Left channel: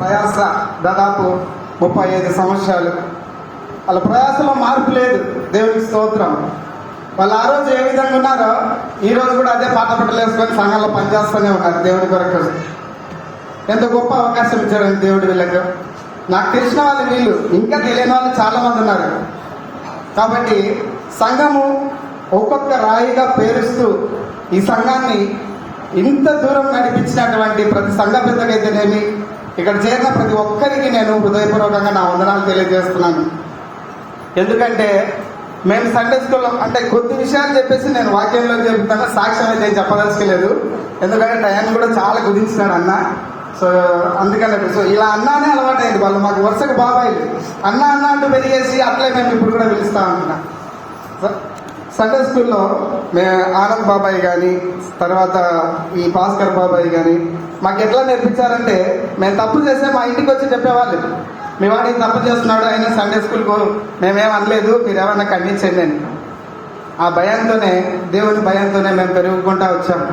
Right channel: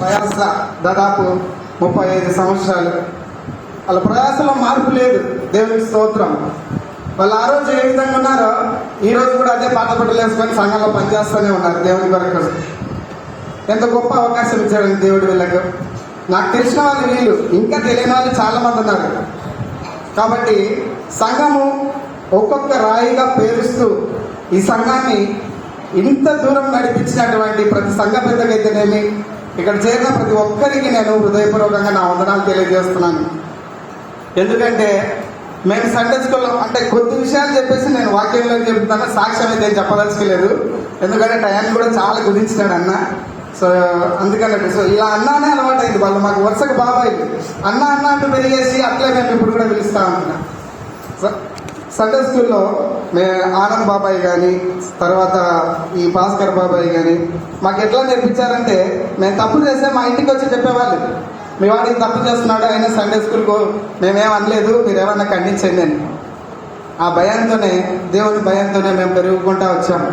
ప్రయాస దాదాపు 35 సంవత్సరాలు. వాళ్ళ ప్రయాసలో మార్పు లేదు. దేవునికి స్తోత్రం. వాళ్ళు ఆ రోజు ఏ విధంగా ఉన్నారో ఈ రోజు కూడా అదే పాట పట్టలు వేసుకొని సంఘంలో పనిచేస్తూనే ఉన్నారు. దేవుని కొరకు ఎంత గొప్ప అవకాశం ఇచ్చారండి దేవుడు వీళ్ళకు. నాకు తెలిసిన వాళ్ళు వీళ్ళు, ఇంకా తెలియని వాళ్ళు చాలా మంది ఉన్నారు. కాబట్టి సంఘము ఒక్కొక్క రాయిగా పేరుస్తూ ఈ సంఘాన్ని ఇంత దూరం నడిపించినటువంటి ప్రతి సంఘ పెద్దకైతేనేమి, ఇక్కడ చేరిన ప్రతి ఒక్కరికి నేను హృదయపూర్వకంగా నా వందనాలు తెలియజేస్తున్నాను. ఎందుకంటే మేము సండే స్కూల్లో అంటే కొద్ది విషయాలు చెప్పేసి నేను వాక్యంలో చెప్తాను, సాక్ష్యం అయితే ఏం చెప్పదలుచుకోలేదు. ఎందుకంటే టైం కూడా చాలా కుదించినాడు అన్న. సో అందుకన్నట్టు సో ఇలా అన్నానే అలవాటు అయింది. వాళ్ళు మాకు వరుసగా బాబాయ్ అన్న అన్న అంటూ పెరిగేసి అట్లే మేము ఇప్పుడు కూడా పిలుస్తా ఉంటున్నాం. సండే స్కూల్లో మేము ఆనంద్ బాబాయ్ కానీ తర్వాత ఈ భాస్కర్ బాబాయ్ కానీ మాకు ఎట్లా నేర్పించారంటే, మేము తప్పు చేస్తే మా ఇంటికి వచ్చి చెప్పేవాళ్ళు, మీ వాడికి తప్పు చేస్తున్నాడు అయినా సండే స్కూల్కు మేమేం అనలేదు, మీరు ఏమన్నా ఖండించండి అని. ఆ భయంతోనే, దేవుని భయంతోనే మేము పెరుగుకుంటా వచ్చాము.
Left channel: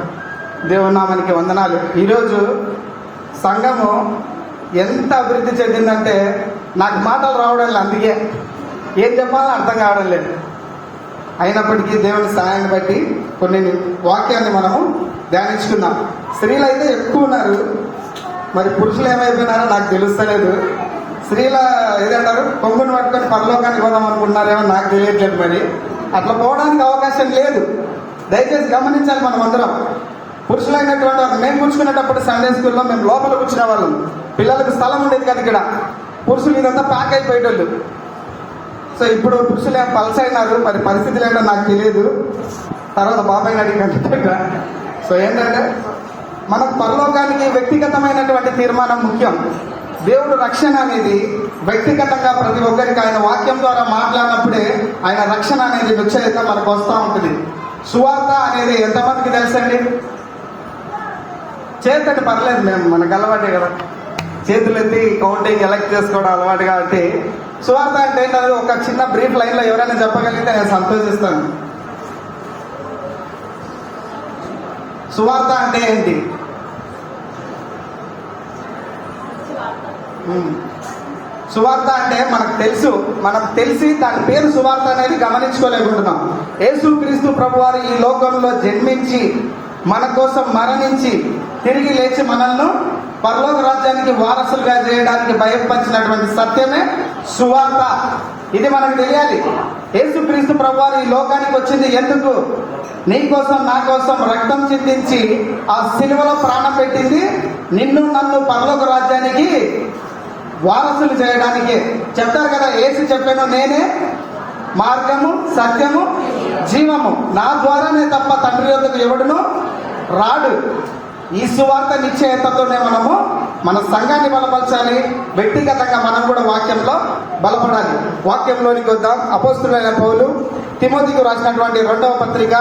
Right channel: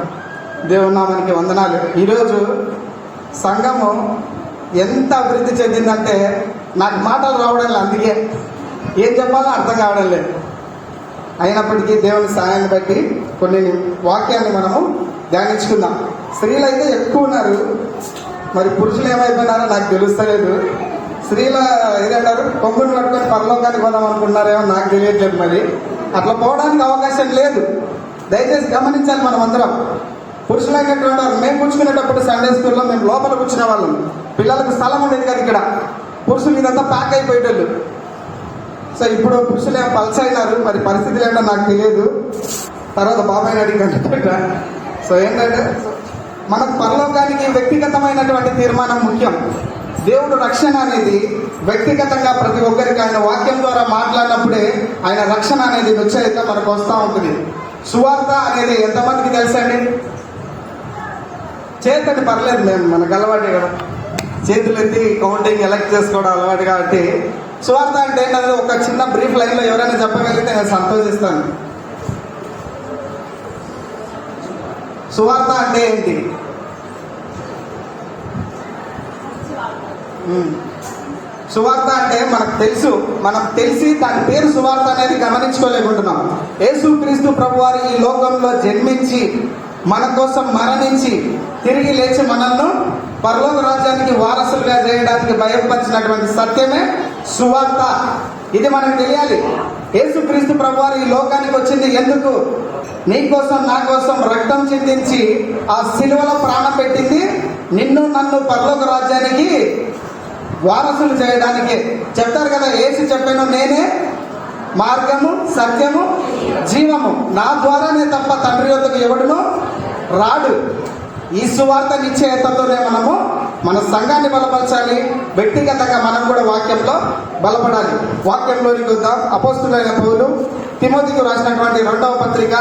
దేవుని నామానికి వందనాలు. ఈరోజు సంఘము ఎంత అభివృద్ధి చెందిందంటే నాకు మాటలు రావడం లేదు, అందుకే ఏం చెప్పాలో అర్థం కావడం లేదు. అయినప్పటికీ దేవుని సహాయాన్ని బట్టి కొన్ని వాక్యాన్ని మనము ధ్యానించుకుందాం. స్త్రీలు అయితే ఎక్కువ ఉన్నారు, మరి పురుషులు ఏమైపోయినారో నాకు తెలుస్తలేదు. స్త్రీల ఏదంటారు, కొంగును పట్టుకొని పరలోకానికి పోదాం అనుకున్నారేమో నాకు తెలియట్లేదు. మరి అట్లా పోవడానికి అవకాశం లేదు. దయచేసి గమనించాలి మనం అందరం. పురుషులైనటువంటి వారు మేము కూర్చుకునేటప్పుడు సండే స్కూల్లో మేము లోపల కూర్చునే వాళ్ళం. పిల్లలకు స్థలం ఉండేది కదా ఇక్కడ. పురుషులు ఇదంతా ప్యాక్ అయిపోయేటోళ్ళు. సో ఇప్పుడు పురుషులు ఏం పల్స్ అయినారు, మరి పరిస్థితులు ఏంటో నాకు తెలియదు. తర్వాత బాబాయ్ అడిగినట్టు. సో ఏంటంటే మనకు పరలోకానికి వ్యక్తిగతమైనటువంటి తీర్మానం ముఖ్యం. దేవుడు రక్షణ అనేది వ్యక్తిగతంగా ప్రతి ఒక్కరికి ఆయన వాక్యం ద్వారా మాట్లాడినప్పుడే ఆయన రక్షణ అనేది నిశ్చయిత మనకు వస్తూ ఉంటుంది. సువార్త అనేది ఎంతమందికి తెలుసండి? చేతండి పర్లేదు, మేము మనకు అలవాటే కదా, చేతులు ఎత్తి కౌంటింగ్ ఎలక్ట్ చేసుకోవడం అలవాటు. కాబట్టి సువార్త అంటే ఏంటది, ఒక చిన్న బ్రీఫ్ లైన్లో ఎవరైనా చెప్పగలిగితే నేను సంతోషిస్తాను. సువార్త అంటే ఏంటి? సువార్త అంటే మనకు తెలిసి దాని పేరు సువార్త అనేది గమనించుకోలేకుంటున్నాం. యేసు క్రీస్తు ప్రభువారు ఈ లోకంలో జన్మించి మన కోసం మరణించి తిరిగి లేచి మనల్ని పరలోక రాజ్యానికి వారసులుగా చేయడానికి బయలుపరిచినటువంటి సత్యమే సువార్త. ఇది మనకు తెలియాలి. యేసు క్రీస్తు ప్రభువారు ఈ లోకానికి వచ్చింది ఎందుకు? నీ కోసం నా కోసం రక్తం చిందించి ఆ సిలువలో ప్రాణం పెట్టింది నిన్ను నన్ను పరలోక రాజ్యానికి వారసులు చేయడానికి. చెప్తారు కదా, యేసు చెప్పాను నేనే మార్గము సత్యము జీవము, నా ద్వారానే తప్ప తండ్రి యొద్దకు ఎవడును రాడు. ఈ సువార్త నిశ్చయతతోనే మనము మన సంఘాన్ని బలపరచాలి. వ్యక్తిగతంగా మనం కూడా వాక్యంలో బలపడాలి. వాక్యంలోనికి వద్దాం. అపోస్తులైన పౌలు తిమోతికి రాసినటువంటి 2వ పత్రిక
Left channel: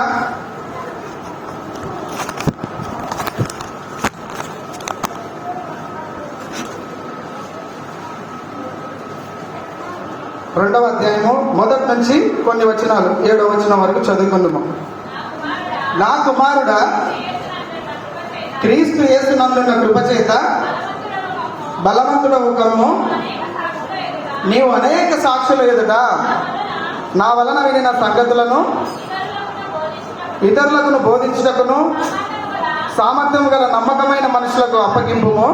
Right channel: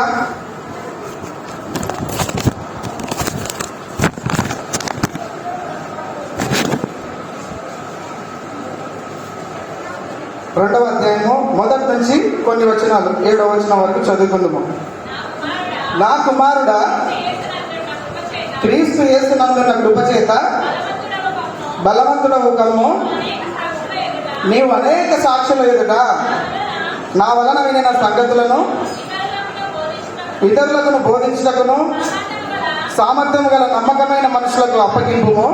2వ అధ్యాయము మొదటి నుంచి కొన్ని వచనాలు 7వ వచనం వరకు చదువుకుందాము. నా కుమారుడా, క్రీస్తు యేసునందున్న కృపచేత బలవంతుడవు కమ్ము. నీవు అనేక సాక్షుల ఎదుట నా వలన వినిన సంగతులను ఇతరులకు బోధించుటకును సామర్థ్యము గల నమ్మకమైన మనుషులకు అప్పగింపుము.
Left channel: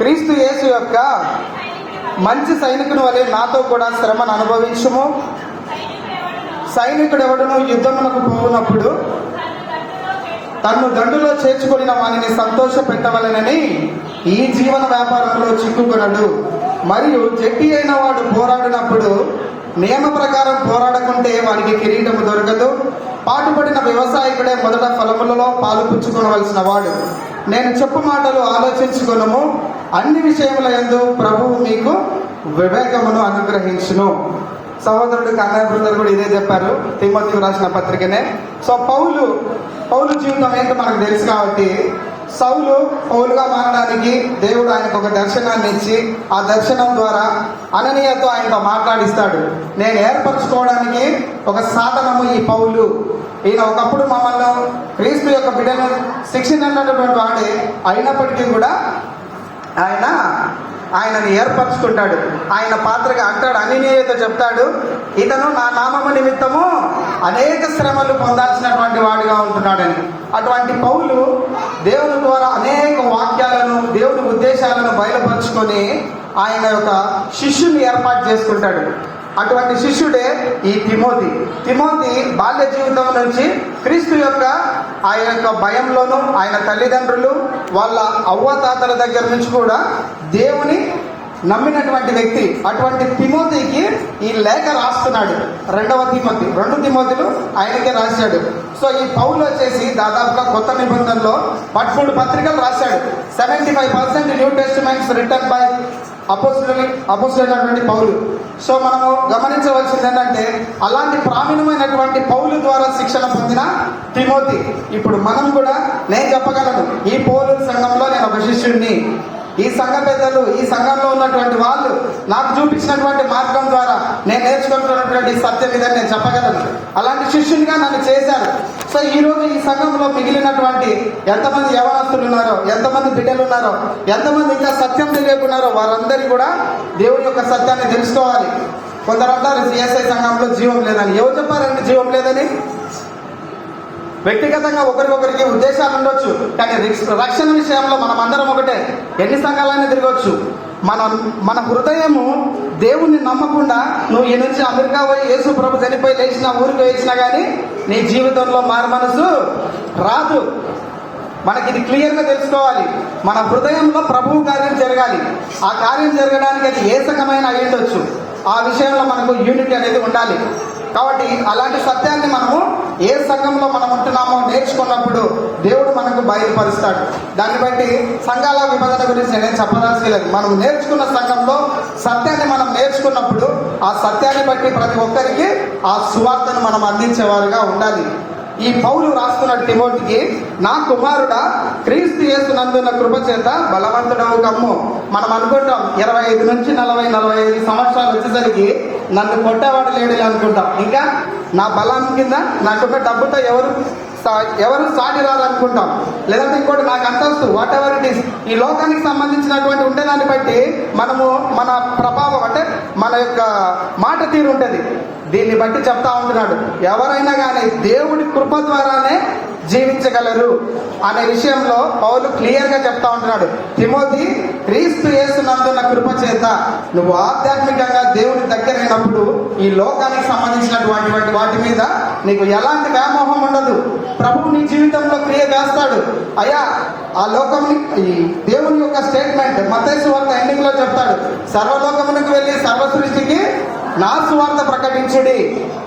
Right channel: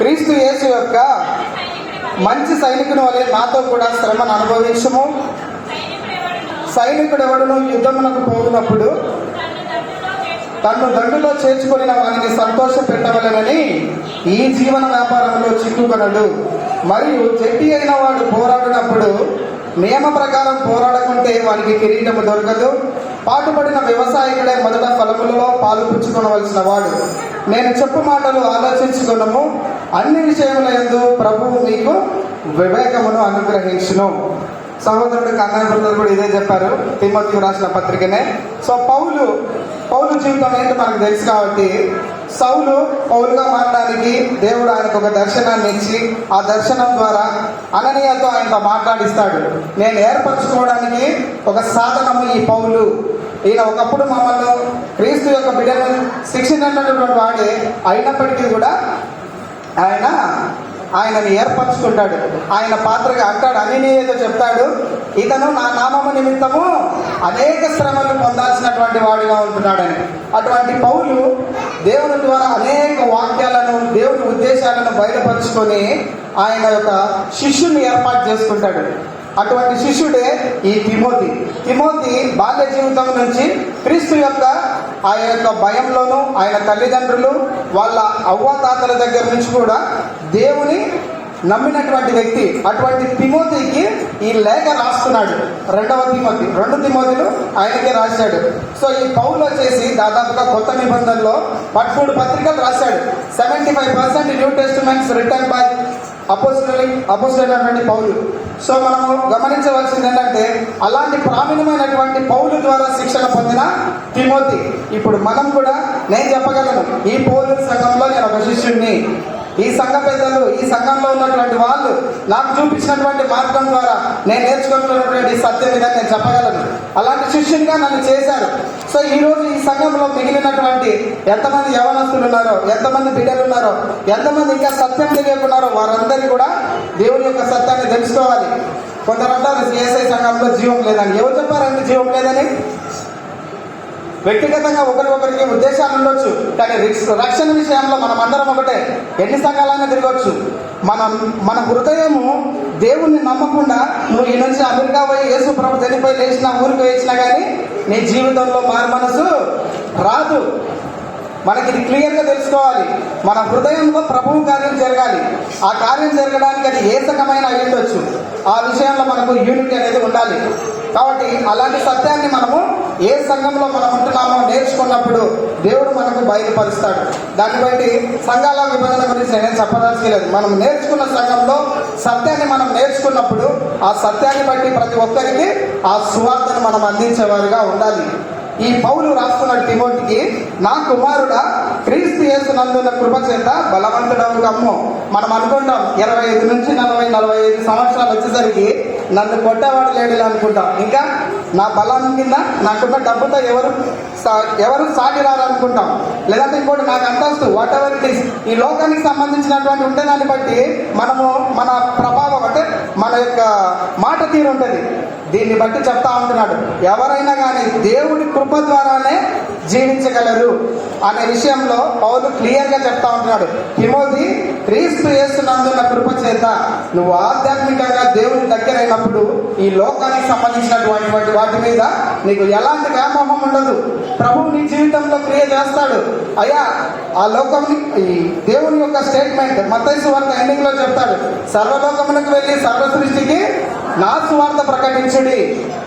క్రీస్తు యేసు యొక్క మంచి సైనికుని వలె నాతో కూడా శ్రమను అనుభవించుము. సైనికుడు ఎవడును యుద్ధమునకు పోవునప్పుడు తన్ను దండులో చేర్చుకుని వానిని సంతోష పెట్టవలెనని ఈ జీవన వ్యాపారంలో చిక్కుకొనడు. మరియు జట్టి అయిన వాడు పోరాడినప్పుడు నియమ ప్రకారం పోరాడకుంటే వానికి కిరీటము దొరకదు. పాటుపడిన వ్యవసాయకుడే మొదట ఫలములలో పాలు పుచ్చుకోవలసిన వాడు. నేను చెప్పు మాటలు ఆలోచించుకును. అన్ని విషయముల యందు ప్రభువు మీకు వివేకమును అనుగ్రహించును. సహోదరుడు కన్యాబ్రదర్ కూడా ఇదే చెప్పారు, తిమోతికి రాసిన పత్రికనే. సో పౌలు జీవితం ఏంటో మనకు తెలుసు. కాబట్టి పౌలుగా మారడానికి దేవుడు ఆయనకు ఒక దర్శనాన్ని ఇచ్చి ఆ దర్శనం ద్వారా అననీయతో ఆయన మాట్లాడిస్తాడు. నేను ఏర్పరచుకోవడానికి ఒక సాధనము ఈ పౌలు. ఈయన ఒకప్పుడు మమ్మల్ని క్రీస్తు యొక్క బిడ్డను శిక్షించినటువంటి వాడే అయినప్పటికీ కూడా ఆయనని ఏర్పరచుకుంటాడు. ఆయన పాత్రగా అంటాడు, అననీయతో చెప్తాడు, ఇతను నా నామము నిమిత్తము అనేక శ్రమలు పొందాల్సినటువంటి వాడిగా ఉంటున్నాడని. అటువంటి పౌలు దేవుని ద్వారా అనేక వాక్యాలను, దేవుని ఉద్దేశాలను బయలుపరుచుకొని ఆయన యొక్క శిష్యుని ఏర్పాటు చేసుకుంటాడు. అటువంటి శిష్యుడే ఈ తిమోతి. బాల్య జీవితం నుంచి క్రీస్తు యొక్క ఆయన యొక్క భయంలోను, ఆయన తల్లిదండ్రులు వాళ్ళ అవ్వతాతల దగ్గర నుంచి కూడా దేవుని నమ్మినటువంటి వ్యక్తి. అటువంటి తిమోతికి ఈ లేఖ రాస్తున్నాడు. 2 తిమోతిలు ఆయనకే రాశాడు. సో ఈ పౌలు వచ్చేసి దాదాపుగా కొత్త నిబంధనలో 13 పత్రికలు రాశాడు. 75% న్యూ టెస్టిమెంట్స్ రిటర్న్ బై అపోస్తలుడైనటువంటి పౌలు. సో మనము గమనించవలసింది ఏంటంటే, అలాంటి ప్రావీణ్యమైనటువంటి పౌలు ద్వారా శిక్షణ పొందిన తిమోతి. ఇప్పుడు మనం కూడా, నేను చెప్పగలను, ఈ పౌలు సంఘంలో నేను ఒక శిష్యుడిని, ఈ సంఘ పెద్దలు, ఈ సంఘంలో ఉన్నటువంటి వాళ్ళు నాకు చూపించినటువంటి మార్గం ద్వారా నేను నేర్చుకుంటున్నటువంటి సత్యం ఇదని నేను చెప్పగలను. అలాంటి శిష్యునిగా నన్ను చేశారు. సో ఈ రోజు ఈ సంఘంలో మిగిలినటువంటి ఎంతమంది యవనస్తులు ఉన్నారో, ఎంతమంది బిడ్డలు ఉన్నారో, ఎంతమంది ఇంకా సత్యం తెలియకున్నారో వారందరికీ కూడా దేవుని యొక్క సత్యాన్ని తెలుసుకోవాలి. కొందరు అంటారు సిఎస్ఐ సంఘంలో జీవం లేదని. ఎవరు చెప్పారండి జీవం లేదని? వ్యక్తిగతంగా ఒకరికొకరికి ఉద్దేశాలు ఉండొచ్చు, కానీ రక్షణ విషయంలో మనం అందరం ఒకటే. ఎన్ని సంఘాలైనా తిరగవచ్చు. మన హృదయము దేవుణ్ణి నమ్మకుండా నువ్వు ఈ నుంచి అమెరికా పోయి యేసు ప్రభు చనిపోయి లేచినా, ఊరికి వేసినా కానీ నీ జీవితంలో మారు మనసు రాదు. మనకి ఇది క్లియర్ గా తెలుసుకోవాలి. మన హృదయంలో ప్రభువు కార్యం జరగాలి. ఆ కార్యం జరగడానికి అది ఏ సకమైన అయ్యుండొచ్చు. ఆ విషయంలో మనకు యూనిటీ అనేది ఉండాలి. కాబట్టి అలాంటి సత్యాన్ని మనము ఏ సంఘంలో మనం ఉంటున్నామో నేర్చుకున్నప్పుడు దేవుడు మనకు బయలుపరుస్తాడు. దాన్ని బట్టి సంఘాల విభజన గురించి నేను చెప్పదలసిలేదు. మనం నేర్చుకున్న సంఘంలో సత్యాన్ని మనం నేర్చుకున్నప్పుడు ఆ సత్యాన్ని బట్టి ప్రతి ఒక్కరికి ఆ సువార్తను మనం అందించేవారుగా ఉండాలి. ఈ పౌలు రాస్తున్నాడు తిమోతికి, నా కుమారుడా, క్రీస్తు యేసునందున్న కృప చేత బలవంతుడవు కమ్ము. మనం అనుకుంటాం 25 నుంచి 40-45 సంవత్సరాలు వచ్చేసరికి నన్ను కొట్టేవాడు లేడు అనుకుంటాం. ఇంకా నా బలం కింద నాకున్న డబ్బుతో ఎవరు సాటి రారనుకుంటాం. లేదంటే ఇంకోటి నాకు అంతస్తు, వాట్ ఎవర్ ఇట్ ఈస్, ఈ లోకానికి సంబంధించినటువంటి ఉంటే దాన్ని బట్టి మనము మన ప్రభావం అంటే మన యొక్క మాట తీరు ఉంటుంది. దీన్ని బట్టి చెప్తా ఉంటున్నాడు, ఎవరైనా కానీ దేవుడి కృప ద్వారానే జీవించగలరు అనే విషయంలో పౌలు క్లియర్ గా చెప్తా ఉంటున్నాడు. తిమోతి, క్రీస్తు యేసునందున్న కృప చేత నువ్వు ఆధ్యాత్మికంగా దేవుని దగ్గరైనప్పుడు ఈ లోకానికి సంబంధించినటువంటి వాటి మీద నీకు ఎలాంటి వ్యామోహం ఉండదు. ప్రభువు నీ జీవితంలో క్రియ చేస్తాడు. అయ్యా, ఆ లోకం, ఈ దేవుని యొక్క స్టేట్మెంట్ మత్తయి సువార్త ఎండింగ్ లో చెప్తాడు, సర్వలోకమునకు వెళ్లి సర్వ సృష్టికి నా సువార్త ప్రకటించుడి.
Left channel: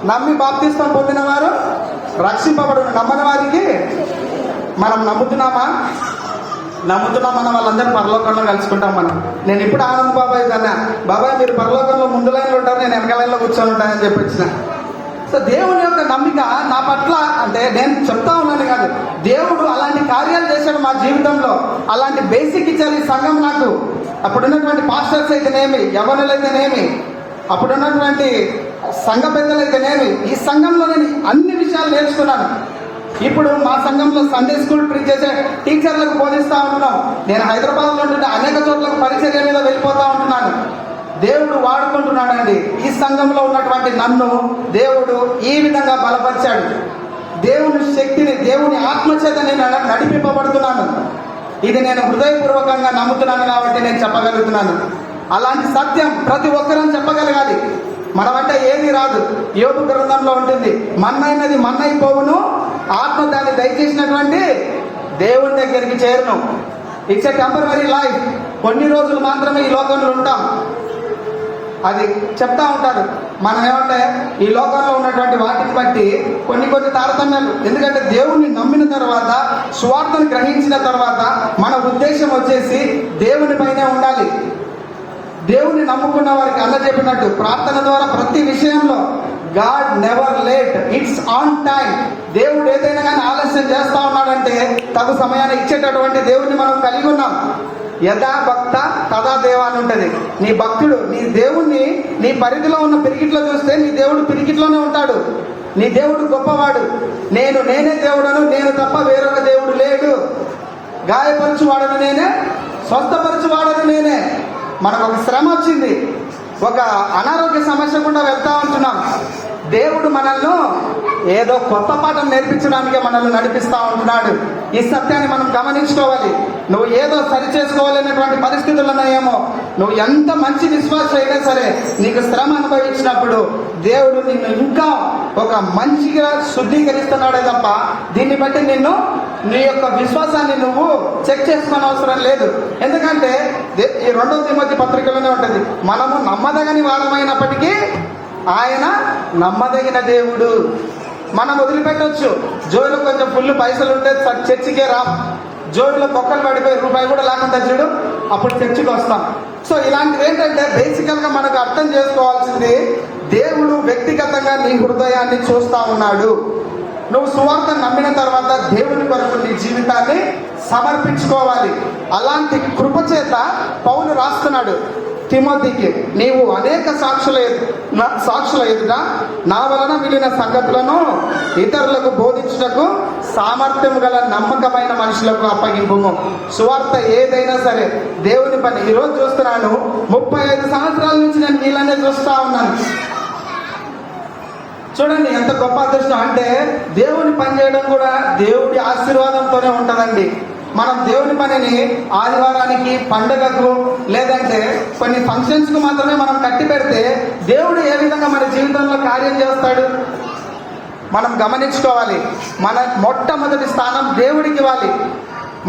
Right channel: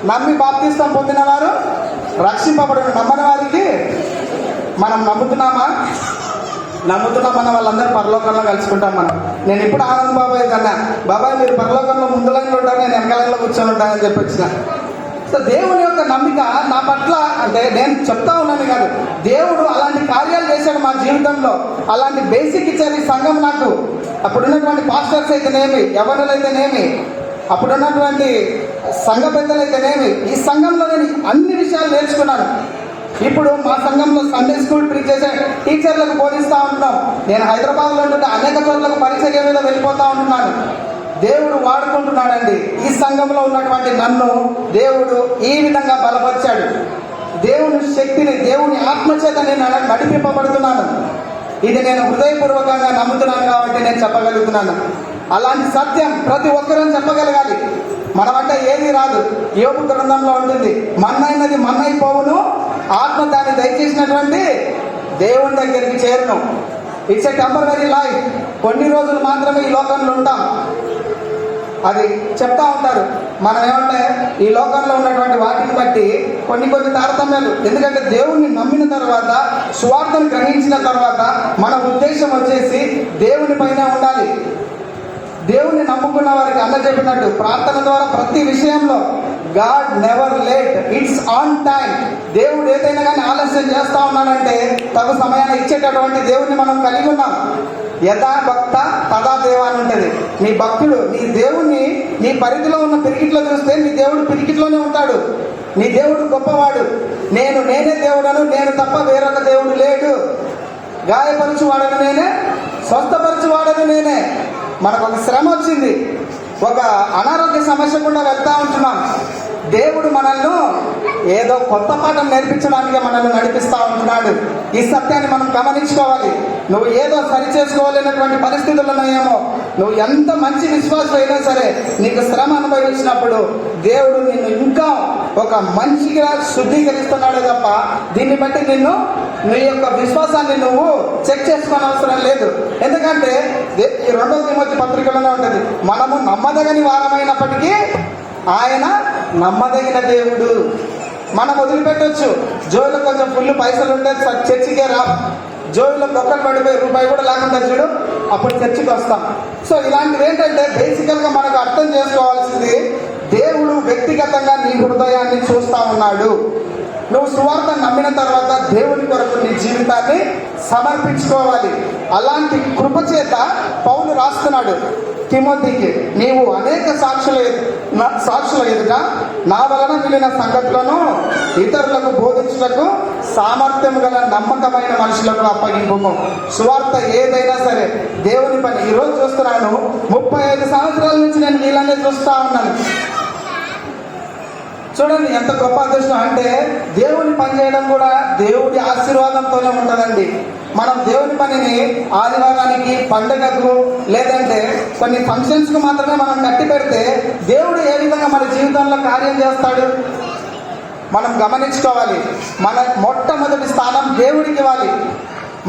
నమ్మి బాప్తిస్మం పొందిన వారు రక్షింపబడును, నమ్మని వారికి మనం నమ్ముతున్నామా వాళ్ళందరూ పరలోకంలో కలుసుకుంటాం. నేను ఇప్పుడు ఆనంద్ బాబాయ్ కన్నా, బాబాయ్ మీరు పరలోకంలో ముందు లైన్లో ఉంటారు, నేను వెనక లైన్లో కూర్చొని ఉంటానని చెప్పి వచ్చిన. సో దేవుని యొక్క నమ్మిక నా పట్ల, అంటే నేను చెప్తా ఉన్నాను కాదు, దేవుడు అలాంటి కార్యాలు చేశాడు మా జీవితంలో. అలాంటి బేసిక్ ఇచ్చారు ఈ సంఘం నాకు. అప్పుడున్నటువంటి పాస్టర్స్ అయితేనేమి, యవనులైతేనేమి, అప్పుడున్నటువంటి సంఘ పెద్దలైతేనేమి, ఈ సంఘంలో నేను అన్ని విషయాలు నేర్చుకున్నాను. ఇప్పుడు మా సంఘంలో సండే స్కూల్ ప్రీచ్ చేసే టీచర్లకు బోధిస్తా ఉంటున్నాం. నేను హైదరాబాద్ లో ఉంటుంటే అనేక చోట్లకు పరిచర్య మీద వెళ్ళిపోతా ఉంటున్నాను. దేవుడు వాడుకుంటున్నాడండి. ఈ సంఘంలో ఉన్నటువంటి నన్ను దేవుడు ఈ విధంగా బలపరిచాడు. దేవుని శక్తిని, దేవుని ఆత్మచేత నేను నడిపింపబడుతున్నాను. ఇది నేను హృదయపూర్వకంగా నమ్ముతున్నాను కాబట్టి నేను చెప్పగలుగుతున్నాను. అలాంటి సత్యం ప్రతి ఒక్కరూ చెప్పగలగాలి. మనమంటే ఏది రాదు. యోబు గ్రంథంలో ఉంటుంది, మన్నైనది మన్నైపోవును, ఆత్మ దాన్ని దయచేసినటువంటి దేవుని దగ్గరికి చేరును. It's a temporary life. కొన్ని రోజులు మాత్రమే ఈ లోకంలో ఉంటాం. అది చెప్తా ఉంటారు. మనం ఏమంటే ఈ లోకంలో ఉన్నటువంటి వాటిని బట్టి కొన్ని తారతమ్యాలు. ఎందుకంటే దేవుణ్ణి నమ్మిన తర్వాత, సువార్తను గ్రహించిన తర్వాత మన ఉద్దేశం వచ్చేసి దేవుని పైనే ఉండాలి. దేవుని నమ్ముకున్న వారికి అన్న చెప్పినట్టు ప్రార్థన ద్వారా ప్రతి విషయంలో God never late, it's on time. దేవుడు ఏదైనా కానీ ఆలస్యం చేస్తా ఉన్నాడంటే తగు సమయాన్ని ఇచ్చేటటువంటి దేవుడిని మనం కలిగి ఉన్నాం. యథా భక్త తదా దేవ అని ఉంటుంది. నీ భక్తుడు నీ దేవుణ్ణి నీ పరిధిలో ఉన్న పిరికిట్లో చూస్తే నీ దేవుడు పిరికిట్లోనే ఉంటాడు. నీ దేవుడు గొప్పవాడు. నేనే దేవుడను, నేను తప్ప వేరొక దేవుడు లేడు. గాయపరచువాడను నేనే, స్వస్థపరచు ఓదార్చువాడను నేనే. మనకు ఒక శ్రమ వచ్చింది, ఒక అనారోగ్య సమస్య కూడా వెళ్తా ఉంటున్నాం. దేవుడు మనల్ని ఏదో కొత్త పాఠం నేర్పించడానికే మనల్ని నడిపిస్తా ఉంటున్నాడు. ఈ సత్యాన్ని మనం గమనించుకోవాలి. నువ్వు ఏదో సరి చేసుకోవాలనేటువంటి పరిస్థితులు ఉన్నాయేమో, నువ్వు ఎంత మంచి విశ్వాసం అయినా సరే నీకు శ్రమ అనుభవించినప్పుడు దేవుడు నిన్ను ఇంకా ఒక మంచిగా శుద్ధీకరిస్తున్నాడే తప్ప దీన్ని బట్టి నిన్ను నీ యొక్క విశ్వాసాన్ని నువ్వు చెక్ చేసుకోని అవసరం లేదు. ఎందుకంటే ఈ 2వ తిమోతి పత్రికలోనే ఉంటుంది, మనము నమ్మదగని వారమైనప్పటికీ ఆయన నమ్మదగిన దేవుడు. మనం వదిలిపెట్టొచ్చు, జోబులో కొంచెం ఫుల్ పైసలు ఉంటే చర్చికే రా, జోబులో బొక్కలు పడిపోయి రూపాయి కూడా లేకుండా చూడు, అప్పుడు చర్చికి వస్తాం. సో ఇలాంటివి ఏంటంటే బేసికల్ గా మనకు అర్థం చేసుకోవాల్సింది, దేవుడు వ్యక్తిగతంగా నీ హృదయాన్ని చూస్తా ఉన్నాడు. నువ్వు సువార్త నమ్మిన తర్వాత దేవుని కొరకు నీ జీవితాన్ని సమర్పించుకోవాలి. అలాంటి కృప చేత పౌలు రాస్తున్నాడు తిమోతికి, నీవు అనేక సాక్షుల ఎదుట నా వలన మిగిలిన సంగతులను ఇతరులకు బోధించుటకు సామర్థ్యం గల నమ్మకమైన మనుషులకు అప్పగింపు. సువార్త ఏదైనా సరే దేవుని పని. ఈరోజు చూస్తున్నాను, 35 సంవత్సరాల నుంచి నేను వీళ్ళనే చూస్తా ఉన్నాను. చూడండి ఎంత గొప్ప అదృష్టం. అంటే దేవుని పని చేయడం కూడా దేవుడి ఆశీర్వాదంతోనే ఉంటుందండి. మనం దేవుని పనిని ఆదివారానికి, పండుగకు, లేదంటే కొన్ని ఫంక్షన్స్ కు మాత్రమే మనం కట్టి పెడితే దేవుడు ఏ విధంగా మన జీవితంలో కార్యం చేస్తాడు మనం గమనించుకోవాలి. మన మొట్టమొదటి స్థానం దేవుడికి ఇవ్వాలి.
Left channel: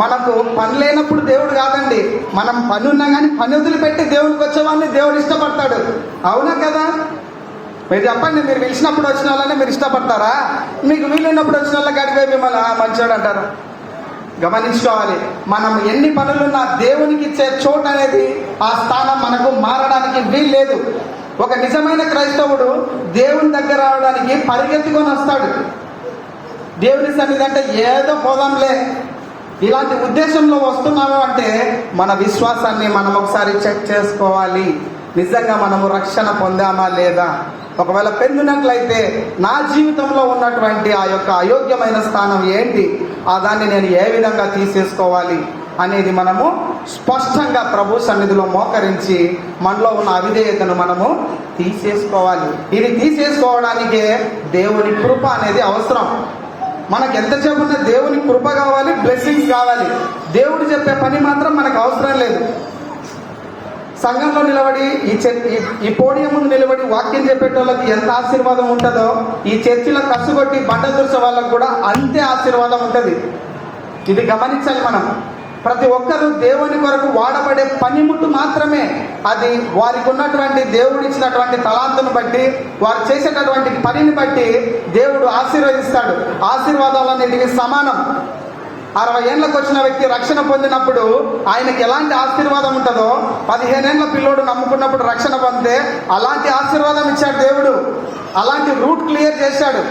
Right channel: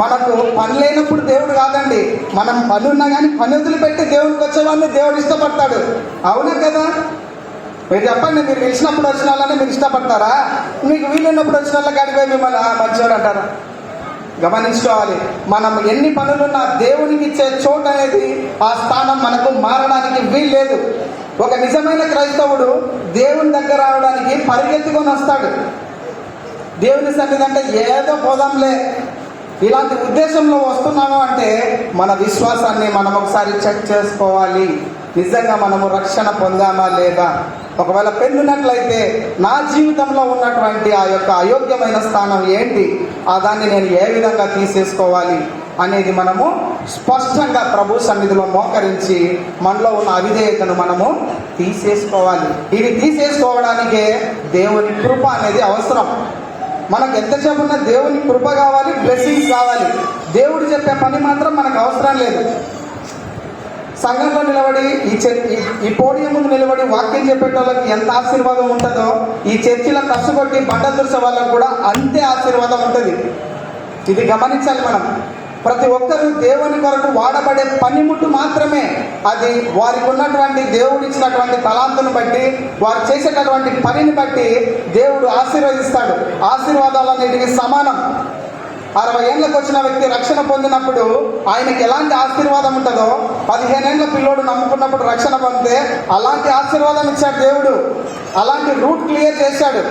మనకు పని లేనప్పుడు దేవుడు కాదండి, మనం పని ఉన్నా కానీ పని వదిలిపెట్టి దేవుడికి వచ్చేవాడిని దేవుడు ఇష్టపడతాడు. అవునా కదా? మీరు చెప్పండి, మీరు పిలిచినప్పుడు వచ్చిన వాళ్ళని మీరు ఇష్టపడతారా? మీకు వీలున్నప్పుడు వచ్చిన వాళ్ళకి అడిగిపోయి మిమ్మల్ని మంచివాడు అంటారు. గమనించుకోవాలి, మనం ఎన్ని పనులున్నా దేవునికి ఇచ్చే చోటు అనేది, ఆ స్థానం మనకు మారడానికి వీల్లేదు. ఒక నిజమైన క్రైస్తవుడు దేవుని దగ్గర రావడానికి పరిగెత్తుకొని వస్తాడు. దేవుని సన్నిధి అంటే ఏదో పోదాంలే, ఇలాంటి ఉద్దేశంలో వస్తున్నాము అంటే మన విశ్వాసాన్ని మనం ఒకసారి చెక్ చేసుకోవాలి. నిజంగా మనము రక్షణ పొందామా లేదా? ఒకవేళ పొందినట్లయితే నా జీవితంలో ఉన్నటువంటి ఆ యొక్క అయోగ్యమైన స్థానం ఏంటి, దాన్ని నేను ఏ విధంగా తీసేసుకోవాలి అనేది మనము స్పష్టంగా ప్రభు సన్నిధిలో మోకరించి మనలో ఉన్న అవిధేయతను మనము తీసేసుకోవాలి. ఇది తీసేసుకోవడానికే దేవుని కృప అనేది అవసరం. మనకు ఎంత చెప్పున్నా దేవుని కృప కావాలి, బ్లెస్సింగ్స్ కావాలి. దేవుడు చెప్పే పని మాత్రం మనకు అవసరం లేదు. సంఘంలో నిలబడి ఈ పోడియం ముందు నిలబడి వాక్యం చెప్పేటోళ్ళకి ఎంత ఆశీర్వాదం ఉంటుందో, ఈ చర్చిలో కసుగొట్టి బండ దుర్సే వాళ్ళకు కూడా అంతే ఆశీర్వాదం ఉంటుంది. ఇది గమనించాలి మనం. ప్రతి ఒక్కరూ దేవుని కొరకు వాడబడే పనిముట్టు మాత్రమే. అది వారికి ఉన్నటువంటి దేవుడు ఇచ్చినటువంటి తలాంతుని బట్టి, వారు చేసేటటువంటి పనిని బట్టి దేవుడు ఆశీర్వదిస్తాడు. ఆశీర్వాదాలన్నిటికీ సమానం. 60 ఏళ్ళకు వచ్చిన వ్యక్తి రక్షణ పొందినప్పుడు ఆయనకి ఎలాంటి ఆశీర్వాదం ఉంటుందో, 15 ఏళ్ళ పిల్లోడు నమ్ముకున్నప్పుడు రక్షణ పొందితే అలాంటి ఆశీర్వాదం ఇచ్చాడు దేవుడు. అలాంటి రూట్ క్లియర్ చేశాడు.